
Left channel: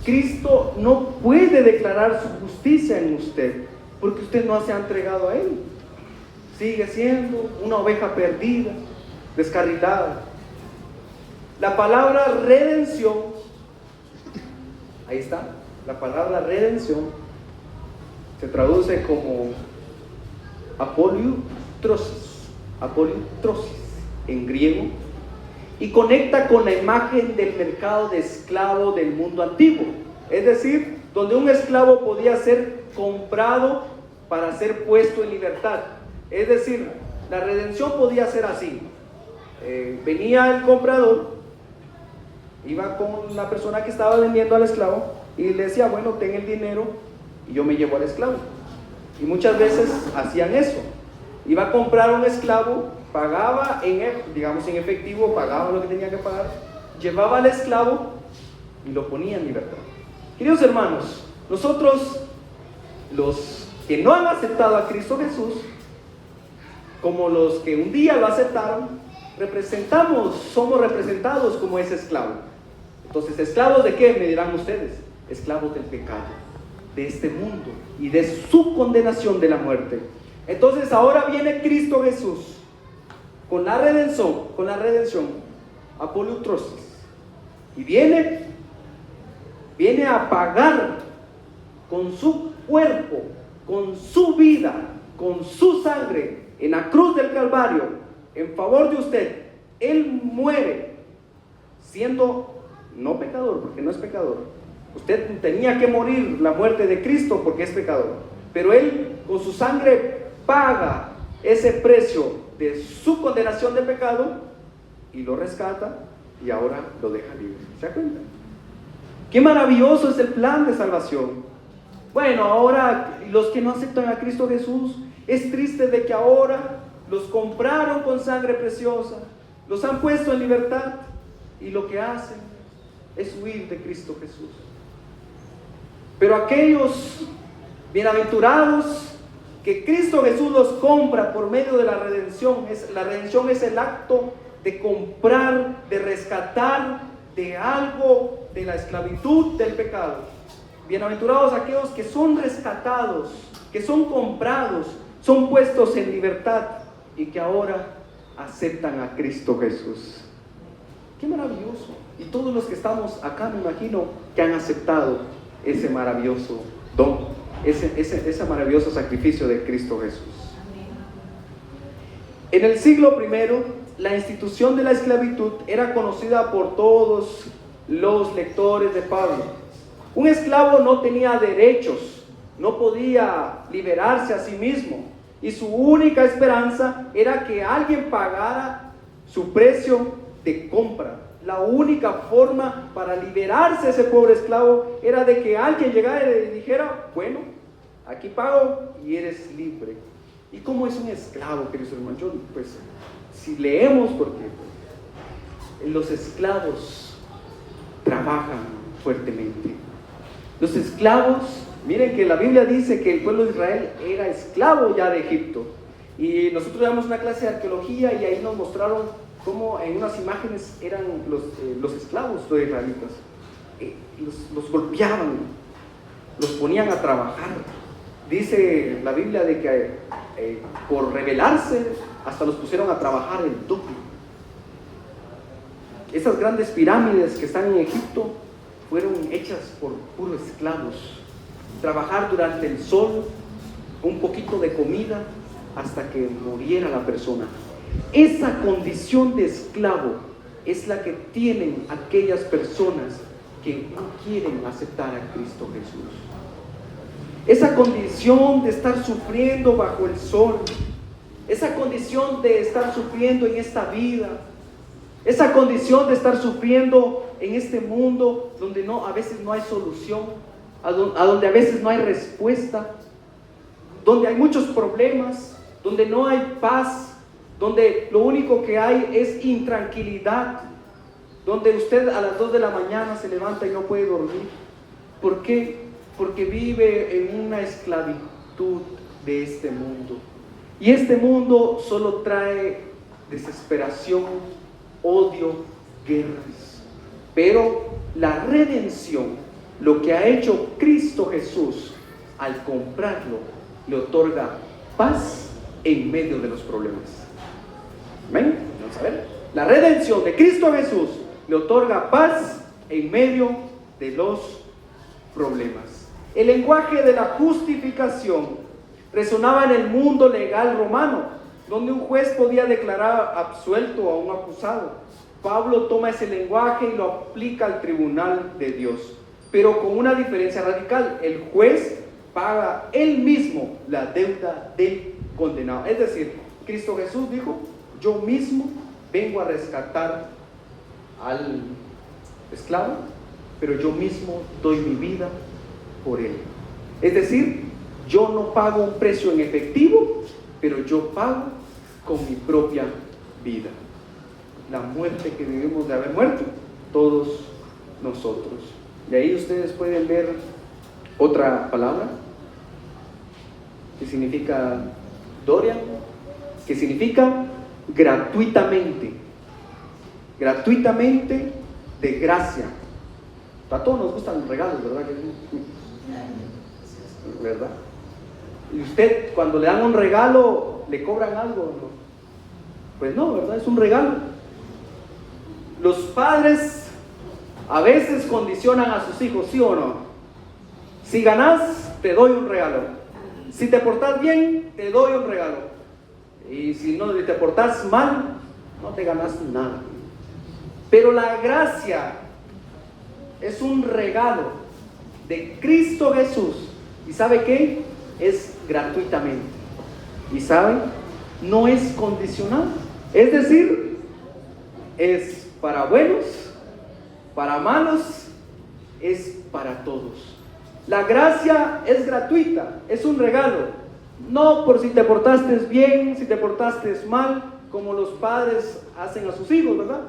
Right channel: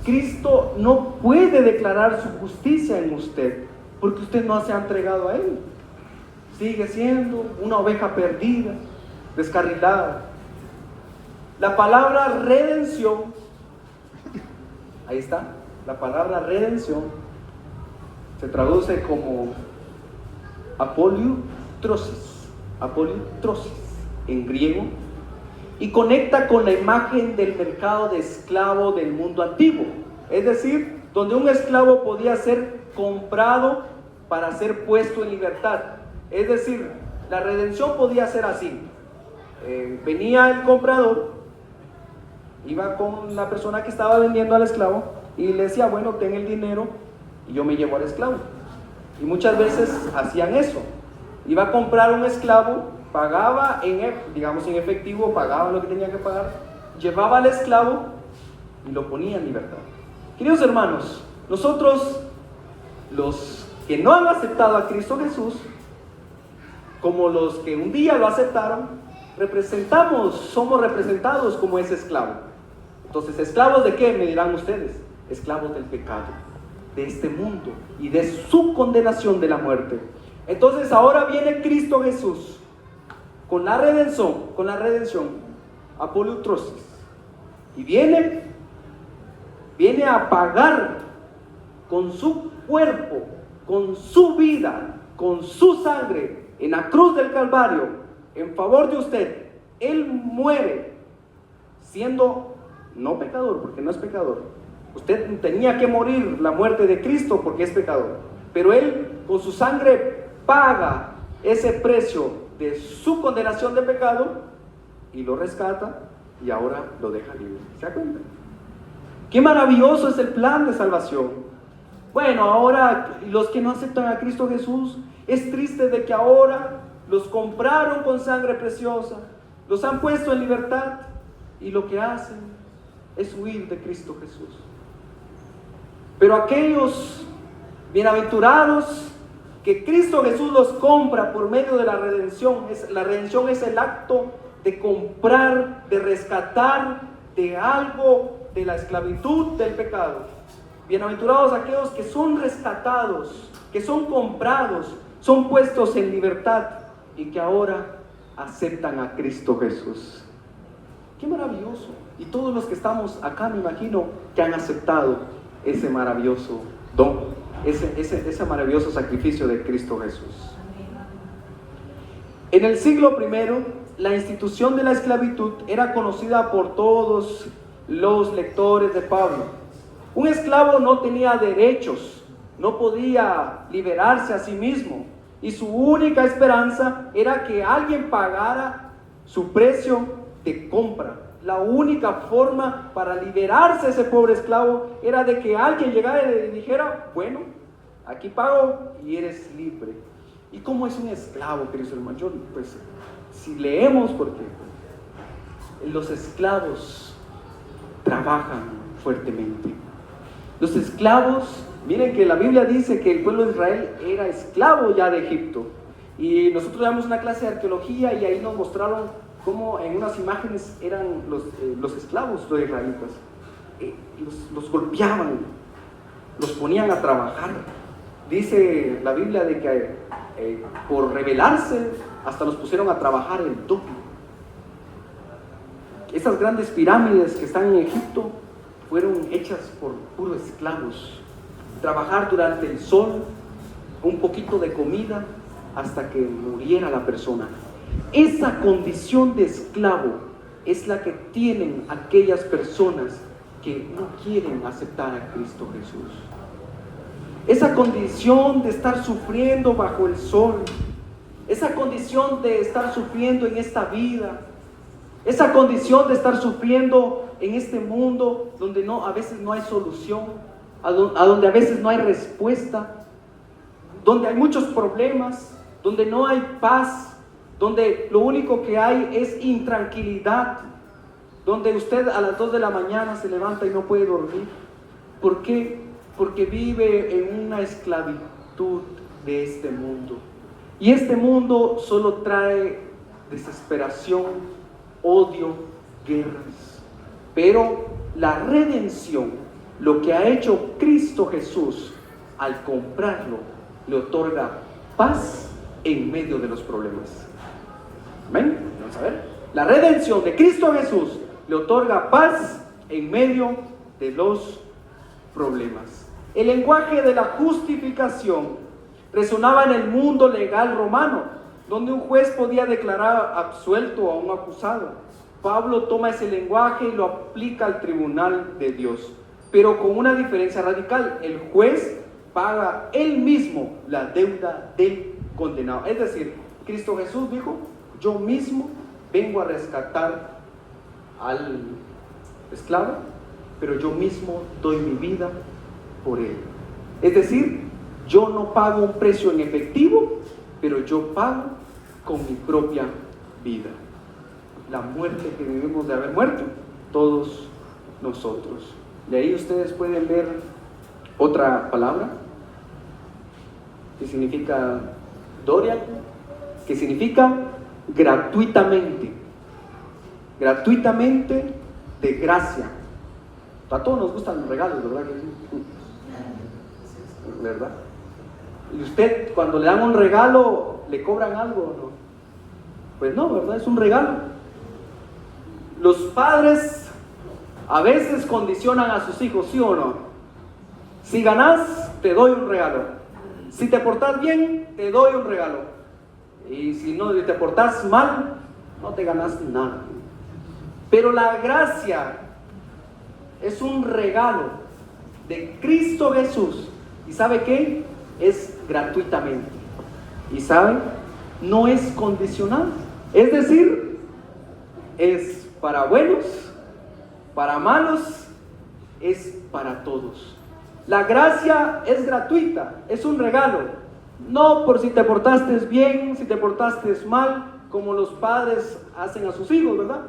Cristo no puede declarar su justicia en usted, porque usted no se ha entregado a Él. Sigue siendo una oveja perdida, descarrilada. La palabra redención, ahí está, la palabra redención se traduce como apoliutrosis en griego, y conecta con la imagen del mercado de esclavo del mundo antiguo, es decir, donde un esclavo podía ser comprado para ser puesto en libertad. Es decir, la redención podía ser así. Venía el comprador, iba con la persona que estaba vendiendo al esclavo y le decía, bueno, ten el dinero y yo me llevo al esclavo. Y muchas veces hacían eso. Iba a comprar un esclavo, pagaba en efectivo, pagaba lo que tenía que pagar, llevaba al esclavo y lo ponía en libertad. Queridos hermanos, nosotros, los que no han aceptado a Cristo Jesús, como los que un día lo aceptaron, somos representados como ese esclavo. Entonces, ¿esclavos de qué? Me dirán ustedes. Esclavos del pecado, de este mundo y de su condenación de la muerte. Entonces, ahora viene Cristo Jesús con la redención, apolutrosis, y viene a pagar con su cuerpo, con su vida, con su sangre en la cruz del Calvario en favor de usted. Él muere siendo no pecador, porque no es pecador. Usted tenía que morir la muerte de Cristo porque es pecador, pero Él con su sangre paga ese precio de su condenación de pecado y lo rescata y ahora lo deja libre. ¿Se da cuenta? Qué maravilloso es el plan de salvación. Bueno, ahora los que no aceptan a Cristo Jesús, es triste de que ahora los compraron con sangre preciosa, los han puesto en libertad y lo que hacen es huir de Cristo Jesús. Pero aquellos bienaventurados que Cristo Jesús los compra por medio de la redención, la redención es el acto de comprar, de rescatar de algo de la esclavitud del pecado. Bienaventurados aquellos que son rescatados, que son comprados, son puestos en libertad y que ahora aceptan a Cristo Jesús. ¡Qué maravilloso! Y todos los que estamos acá, me imagino que han aceptado ese maravilloso don, ese maravilloso sacrificio de Cristo Jesús. En el siglo I, la institución de la esclavitud era conocida por todos los lectores de Pablo. Un esclavo no tenía derechos, no podía liberarse a sí mismo, y su única esperanza era que alguien pagara su precio de compra. La única forma para liberarse ese pobre esclavo era de que alguien llegara y le dijera, bueno, aquí pago y eres libre. ¿Y cómo es un esclavo, queridos hermanos? Pues, si leemos, porque los esclavos trabajan fuertemente. Los esclavos, miren que la Biblia dice que el pueblo de Israel era esclavo ya de Egipto. Y nosotros damos una clase de arqueología y ahí nos mostraron cómo en unas imágenes eran los esclavos, los israelitas. Los golpeaban, los ponían a trabajar. Dice la Biblia de que por rebelarse hasta los pusieron a trabajar el doble. Estas grandes pirámides que están en Egipto fueron hechas por puros esclavos. Trabajar durante el sol, un poquito de comida hasta que muriera la persona. Esa condición de esclavo es la que tienen aquellas personas que no quieren aceptar a Cristo Jesús. Esa condición de estar sufriendo bajo el sol, esa condición de estar sufriendo en esta vida, esa condición de estar sufriendo en este mundo donde a veces no hay solución, a donde a veces no hay respuesta, donde hay muchos problemas, donde no hay paz, donde lo único que hay es intranquilidad, donde usted a las 2 de la mañana se levanta y no puede dormir. ¿Por qué? Porque vive en una esclavitud de este mundo. Y este mundo solo trae desesperación, odio, guerras. Pero la redención, lo que ha hecho Cristo Jesús al comprarlo, le otorga paz en medio de los problemas. ¿Ven? Vamos a ver. La redención de Cristo Jesús le otorga paz en medio de los problemas. El lenguaje de la justificación resonaba en el mundo legal romano, donde un juez podía declarar absuelto a un acusado. Pablo toma ese lenguaje y lo aplica al tribunal de Dios, pero con una diferencia radical. El juez paga Él mismo la deuda del condenado. Es decir, Cristo Jesús dijo: yo mismo vengo a rescatar al esclavo, pero yo mismo doy mi vida por él. Es decir, yo no pago un precio en efectivo, pero yo pago con mi propia vida. La muerte que debemos de haber muerto todos nosotros. De ahí ustedes pueden ver otra palabra que significa Doria, que significa gratuitamente. Gratuitamente, de gracia. A todos nos gustan los regalos, ¿verdad? ¿Verdad? Y usted, cuando le dan un regalo, ¿le cobran algo? ¿No? Pues no, ¿verdad? Es un regalo. Los padres a veces condicionan a sus hijos, ¿sí o no? Si ganas, te doy un regalo. Si te portas bien, te doy un regalo. Y si no te portas mal, no te ganas nada. Pero la gracia es un regalo de Cristo Jesús. ¿Y sabe qué? Es gratuitamente. ¿Y saben? No es condicional. Es decir, es para buenos, para malos, es para todos. La gracia es gratuita, es un regalo. No por si te portaste bien, si te portaste mal, como los padres hacen a sus hijos, ¿verdad?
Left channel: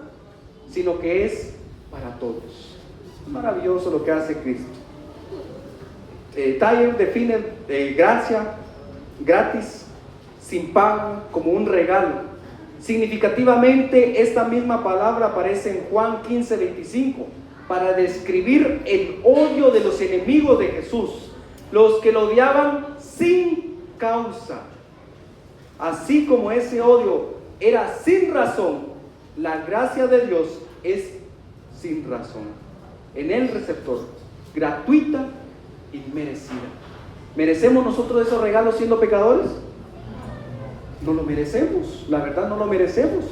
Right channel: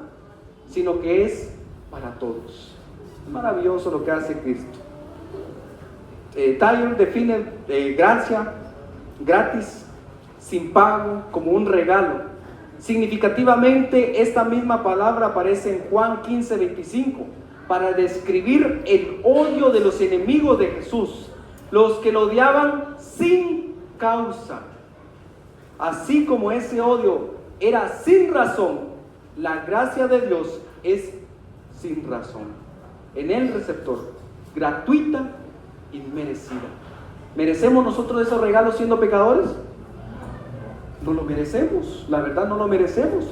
Sino que es para todos. Maravilloso lo que hace Cristo. Tyler define gracia, gratis, sin pago, como un regalo. Significativamente, esta misma palabra aparece en Juan 15:25 para describir el odio de los enemigos de Jesús, los que lo odiaban sin causa. Así como ese odio era sin razón, la gracia de Dios es sin razón, en el receptor, gratuita y merecida. ¿Merecemos nosotros esos regalos siendo pecadores? No lo merecemos, la verdad no lo merecemos.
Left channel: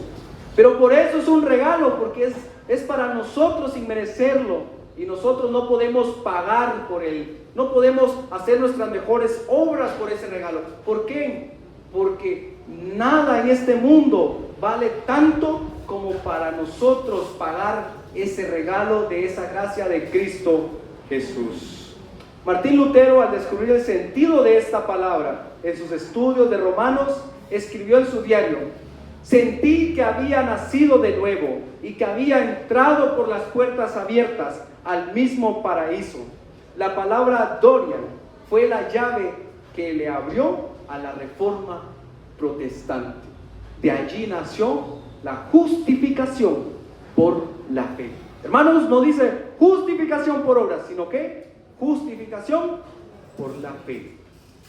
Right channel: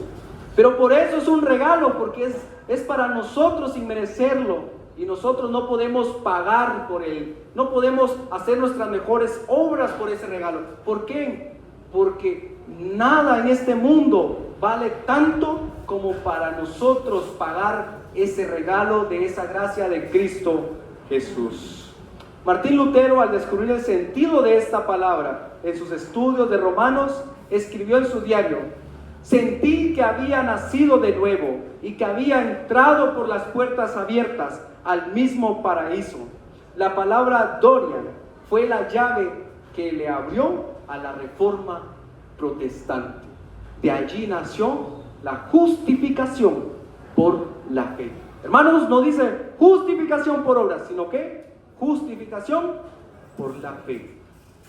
Pero por eso es un regalo, porque es para nosotros sin merecerlo. Y nosotros no podemos pagar por él, no podemos hacer nuestras mejores obras por ese regalo. ¿Por qué? Porque nada en este mundo vale tanto como para nosotros pagar ese regalo de esa gracia de Cristo Jesús. Martín Lutero, al descubrir el sentido de esta palabra en sus estudios de Romanos, escribió en su diario: sentí que había nacido de nuevo y que había entrado por las puertas abiertas al mismo paraíso. La palabra Doria fue la llave que le abrió a la Reforma protestante. De allí nació la justificación por la fe. Hermanos, no dice justificación por obras, sino que justificación por la fe.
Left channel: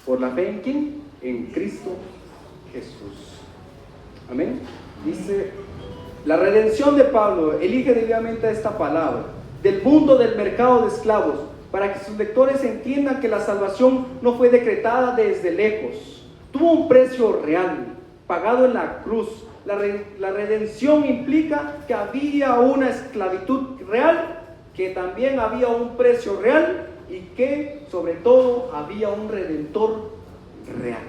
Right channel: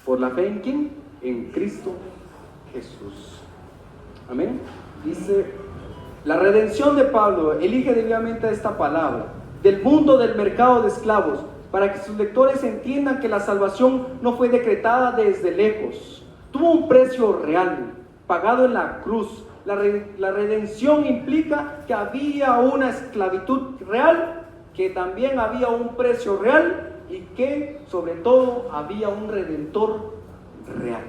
¿Por la fe en quién? En Cristo Jesús. Amén. Dice: la redención de Pablo elige debidamente esta palabra del mundo del mercado de esclavos, para que sus lectores entiendan que la salvación no fue decretada desde lejos. Tuvo un precio real, pagado en la cruz. La redención implica que había una esclavitud real, que también había un precio real y que sobre todo había un redentor real.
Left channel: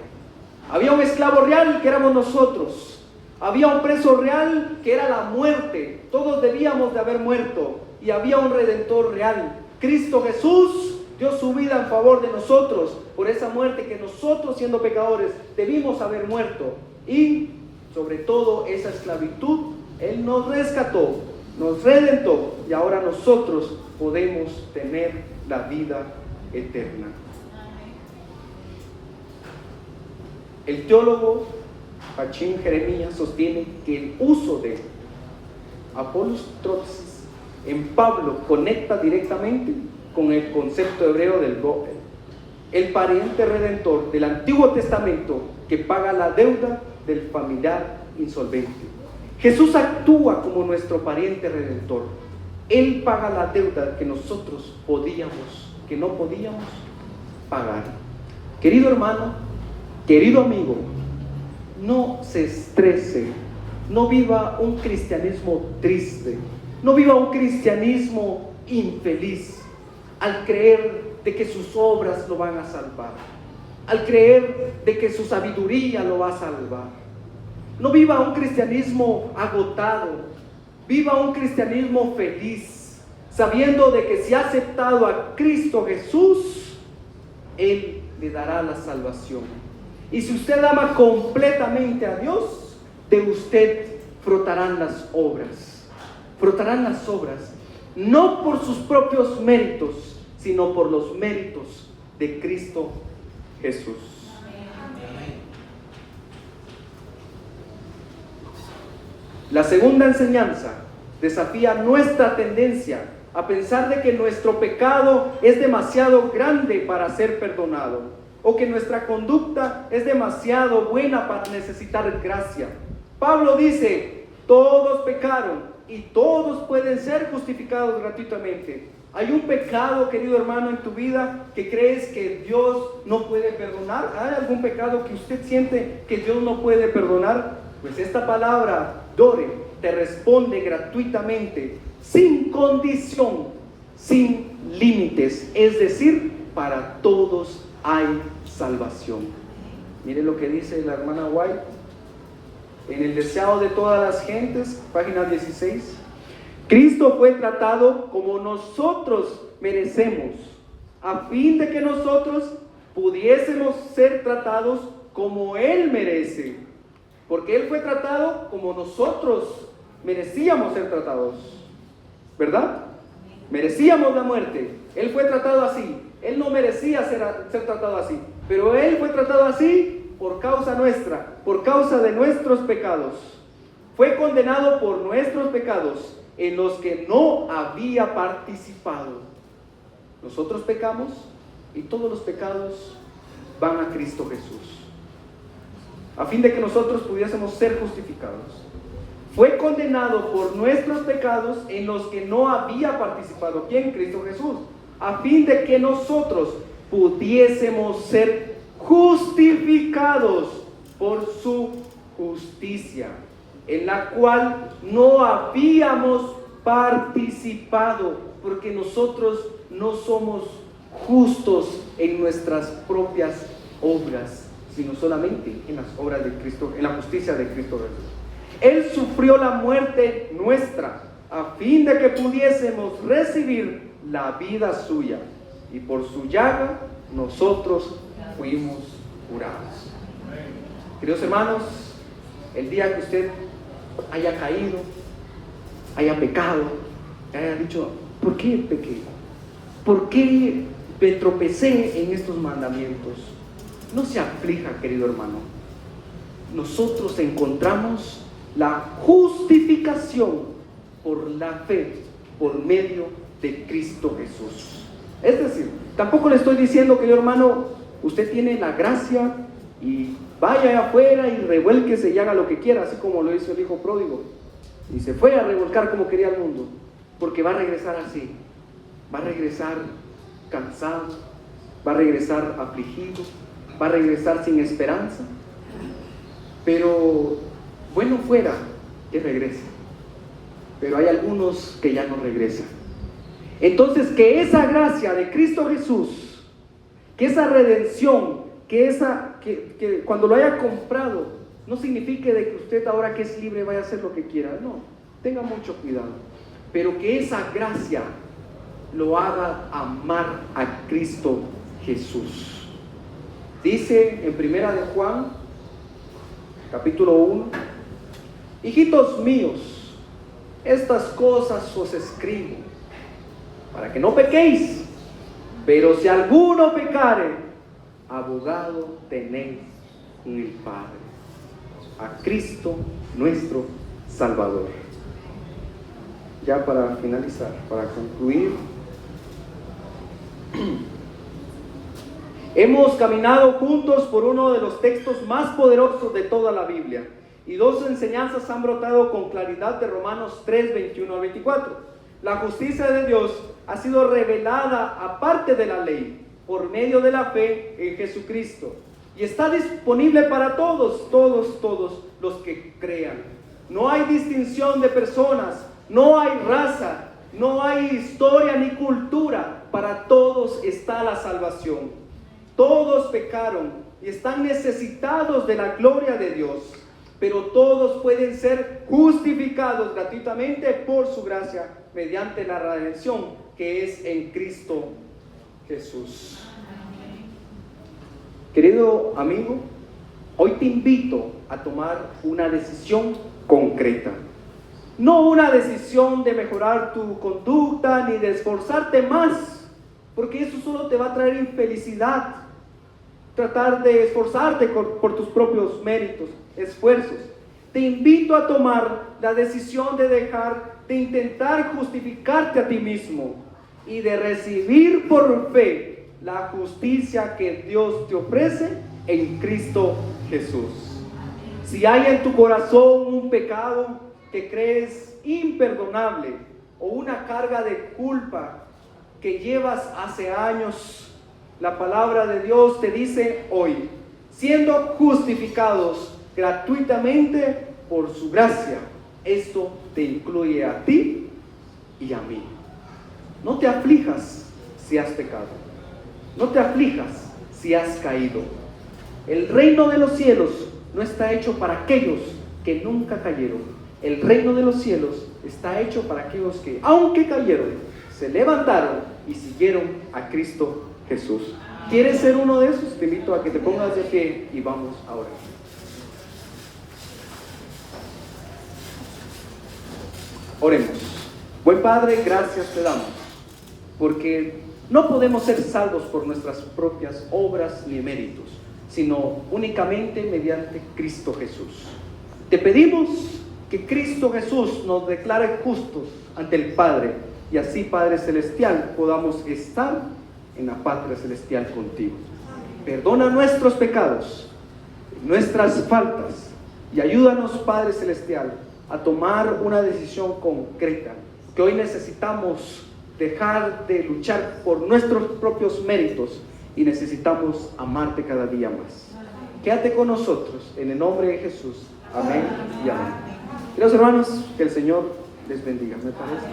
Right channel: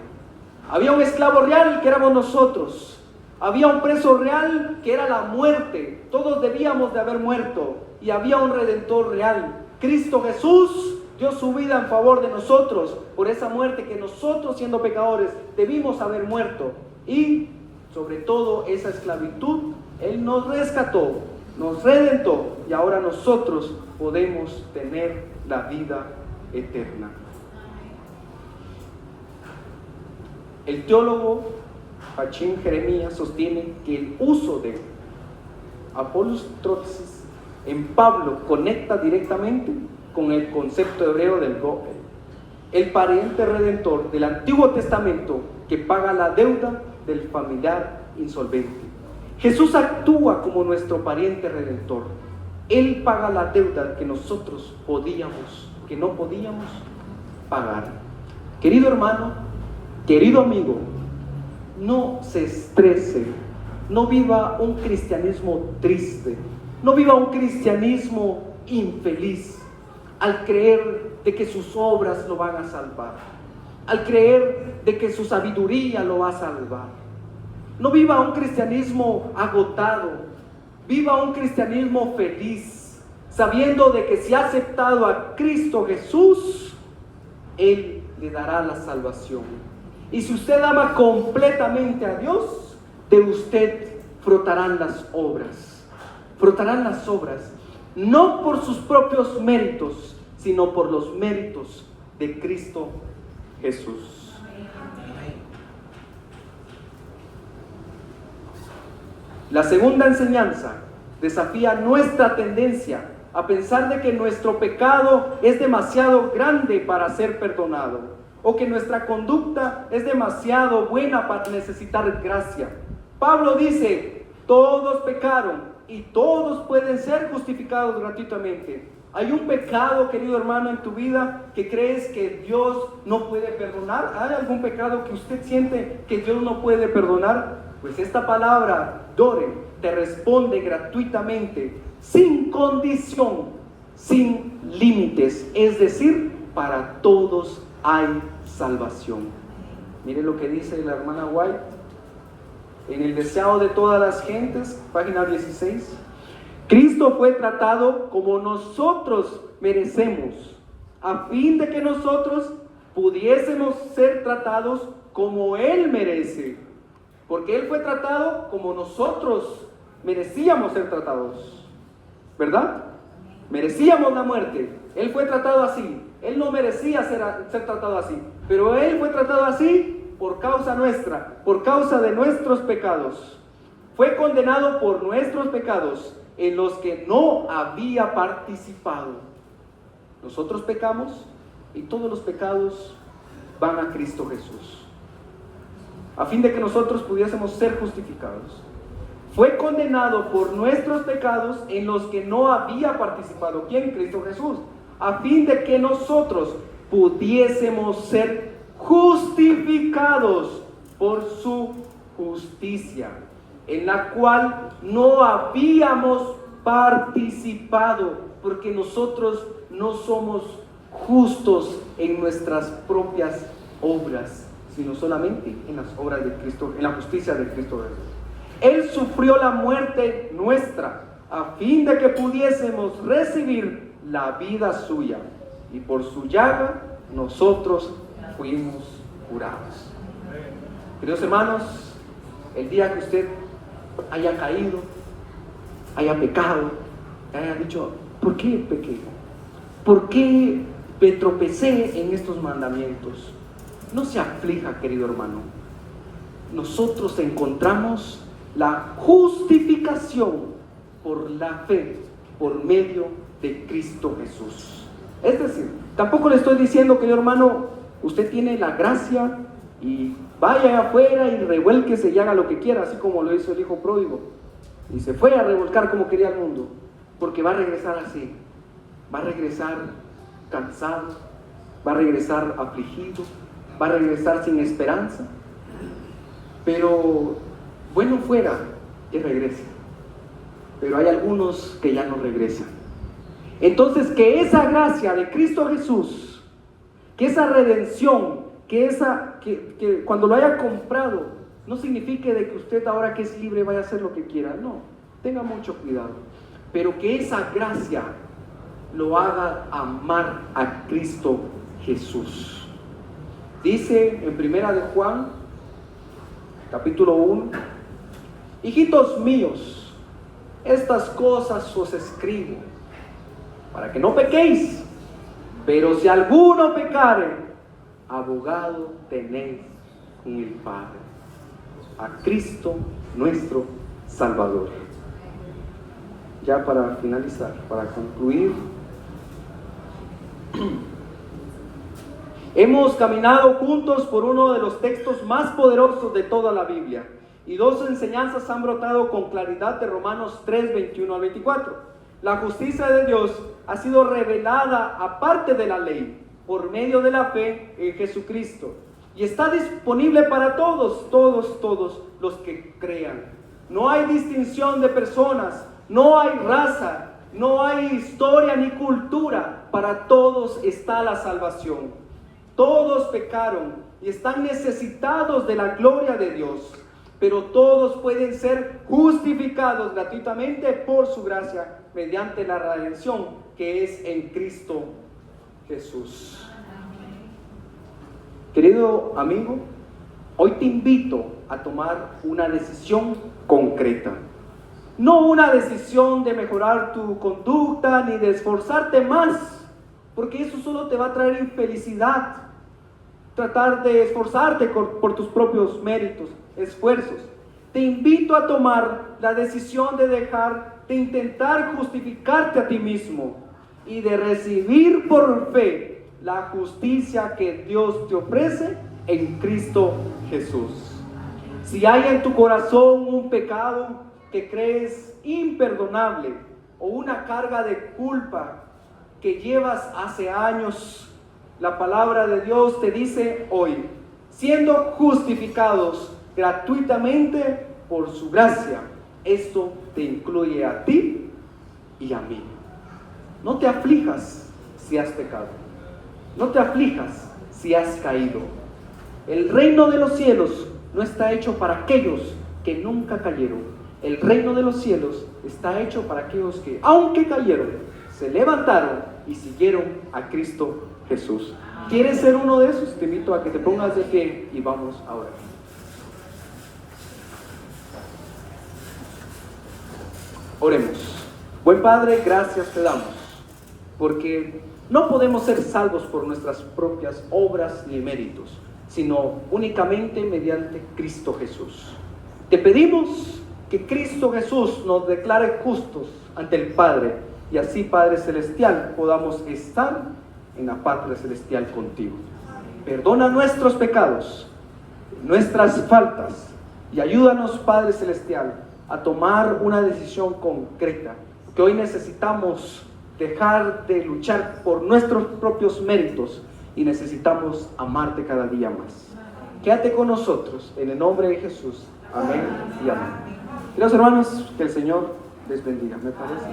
Había un esclavo real que éramos nosotros. Había un precio real que era la muerte. Todos debíamos de haber muerto. Y había un redentor real. Cristo Jesús dio su vida en favor de nosotros por esa muerte que nosotros, siendo pecadores, debimos haber muerto. Y sobre todo esa esclavitud, Él nos rescató, nos redentó, y ahora nosotros podemos tener la vida eterna. El teólogo Joachim Jeremías sostiene que el uso de Apolos Trotzis en Pablo conecta directamente con el concepto hebreo del Goel, el pariente redentor del Antiguo Testamento que paga la deuda del familiar insolvente. Jesús actúa como nuestro pariente redentor. Él paga la deuda que nosotros no podíamos pagar. Querido hermano, querido amigo, no se estrese, no viva un cristianismo triste, no viva un cristianismo infeliz al creer de que sus obras lo van a salvar, al creer de que su sabiduría lo va a salvar. No viva un cristianismo agotado, viva un cristianismo feliz, sabiendo de que si ha aceptado a Cristo Jesús, Él le dará la salvación. Y si usted ama completamente a Dios, de usted brotarán las obras, no por sus propios méritos, sino por los méritos de Cristo Jesús. La segunda enseñanza desafía nuestra tendencia a pensar de que nuestro pecado es demasiado grande para ser perdonado, o que nuestra conducta es demasiado buena para necesitar gracia. Pablo dice: todos pecaron y todos pueden ser justificados gratuitamente. ¿Hay un pecado, querido hermano, en tu vida que crees que Dios no puede perdonar? ¿Hay algún pecado que usted siente que Dios no puede perdonar? Pues esta palabra, Dore, te responde gratuitamente, sin condición, sin límites. Es decir, para todos hay salvación. Mire lo que dice la hermana White en El deseado de todas las gentes, página 16. Cristo fue tratado como nosotros merecemos, a fin de que nosotros pudiésemos ser tratados como Él merece. Porque Él fue tratado como nosotros merecíamos ser tratados, ¿verdad? Merecíamos la muerte. Él fue tratado así. Él no merecía ser tratado así, pero Él fue tratado así por causa nuestra, por causa de nuestros pecados. Fue condenado por nuestros pecados, en los que no había participado. Nosotros pecamos y todos los pecados van a Cristo Jesús, a fin de que nosotros pudiésemos ser justificados. Fue condenado por nuestros pecados en los que no había participado. ¿Quién? Cristo Jesús. A fin de que nosotros pudiésemos ser justificados por su justicia, en la cual no habíamos participado, porque nosotros no somos justos en nuestras propias obras, sino solamente en las obras de Cristo, en la justicia de Cristo Jesús. Él sufrió la muerte nuestra, a fin de que pudiésemos recibir la vida suya, y por su llaga nosotros fuimos curados. Queridos hermanos, el día que usted haya caído, haya pecado, haya dicho: ¿por qué pequé? ¿Por qué me tropecé en estos mandamientos? No se aflija, querido hermano. Nosotros encontramos la justificación por la fe, por medio de Cristo Jesús. Es decir, tampoco le estoy diciendo, querido hermano, usted tiene la gracia y vaya afuera y revuélquese y haga lo que quiera, así como lo hizo el hijo pródigo, y se fue a revolcar como quería el mundo, porque va a regresar así, va a regresar cansado, va a regresar afligido, va a regresar sin esperanza. Pero bueno fuera que regrese, pero hay algunos que ya no regresan. Entonces, que esa gracia de Cristo Jesús, que esa redención, que cuando lo haya comprado, no signifique de que usted ahora que es libre vaya a hacer lo que quiera. No, tenga mucho cuidado. Pero que esa gracia lo haga amar a Cristo Jesús. Dice en Primera de Juan, capítulo 1: hijitos míos, estas cosas os escribo para que no pequéis. Pero si alguno pecare, abogado tenéis en el Padre, a Cristo nuestro Salvador. Ya para finalizar, para concluir, hemos caminado juntos por uno de los textos más poderosos de toda la Biblia, y dos enseñanzas han brotado con claridad de Romanos 3, 21 al 24. La justicia de Dios ha sido revelada aparte de la ley, por medio de la fe en Jesucristo, y está disponible para todos los que crean. No hay distinción de personas, no hay raza, no hay historia ni cultura. para todos está la salvación. Todos pecaron y están necesitados de la gloria de Dios, pero todos pueden ser justificados gratuitamente por su gracia mediante la redención que es en Cristo Jesús. Querido amigo, hoy te invito a tomar una decisión concreta. No una decisión de mejorar tu conducta ni de esforzarte más, porque eso solo te va a traer infelicidad. Tratar de esforzarte por tus propios méritos, esfuerzos. Te invito a tomar la decisión de dejar de intentar justificarte a ti mismo y de recibir por fe la justicia que Dios te ofrece en Cristo Jesús. Si hay en tu corazón un pecado que crees imperdonable o una carga de culpa que llevas hace años, la palabra de Dios te dice hoy, siendo justificados gratuitamente por su gracia, esto te incluye a ti y a mí. No te aflijas si has pecado, no te aflijas si has caído. El reino de los cielos no está hecho para aquellos que nunca cayeron. El reino de los cielos está hecho para aquellos que, aunque cayeron, se levantaron y siguieron a Cristo Jesús. ¿Quieres ser uno de esos? Te invito a que te pongas de pie y vamos a orar. Oremos. Buen Padre, gracias te damos, porque no podemos ser salvos por nuestras propias obras ni méritos, sino únicamente mediante Cristo Jesús. Te pedimos que Cristo Jesús nos declare justos ante el Padre, y así, Padre Celestial, podamos estar en la patria celestial contigo. Perdona nuestros pecados, nuestras faltas, y ayúdanos, Padre Celestial, a tomar una decisión concreta, que hoy necesitamos dejar de luchar por nuestros propios méritos y necesitamos amarte cada día más. Quédate con nosotros, en el nombre de Jesús. Amén y amén. Queridos hermanos, que el Señor les bendiga. ¿Me parece?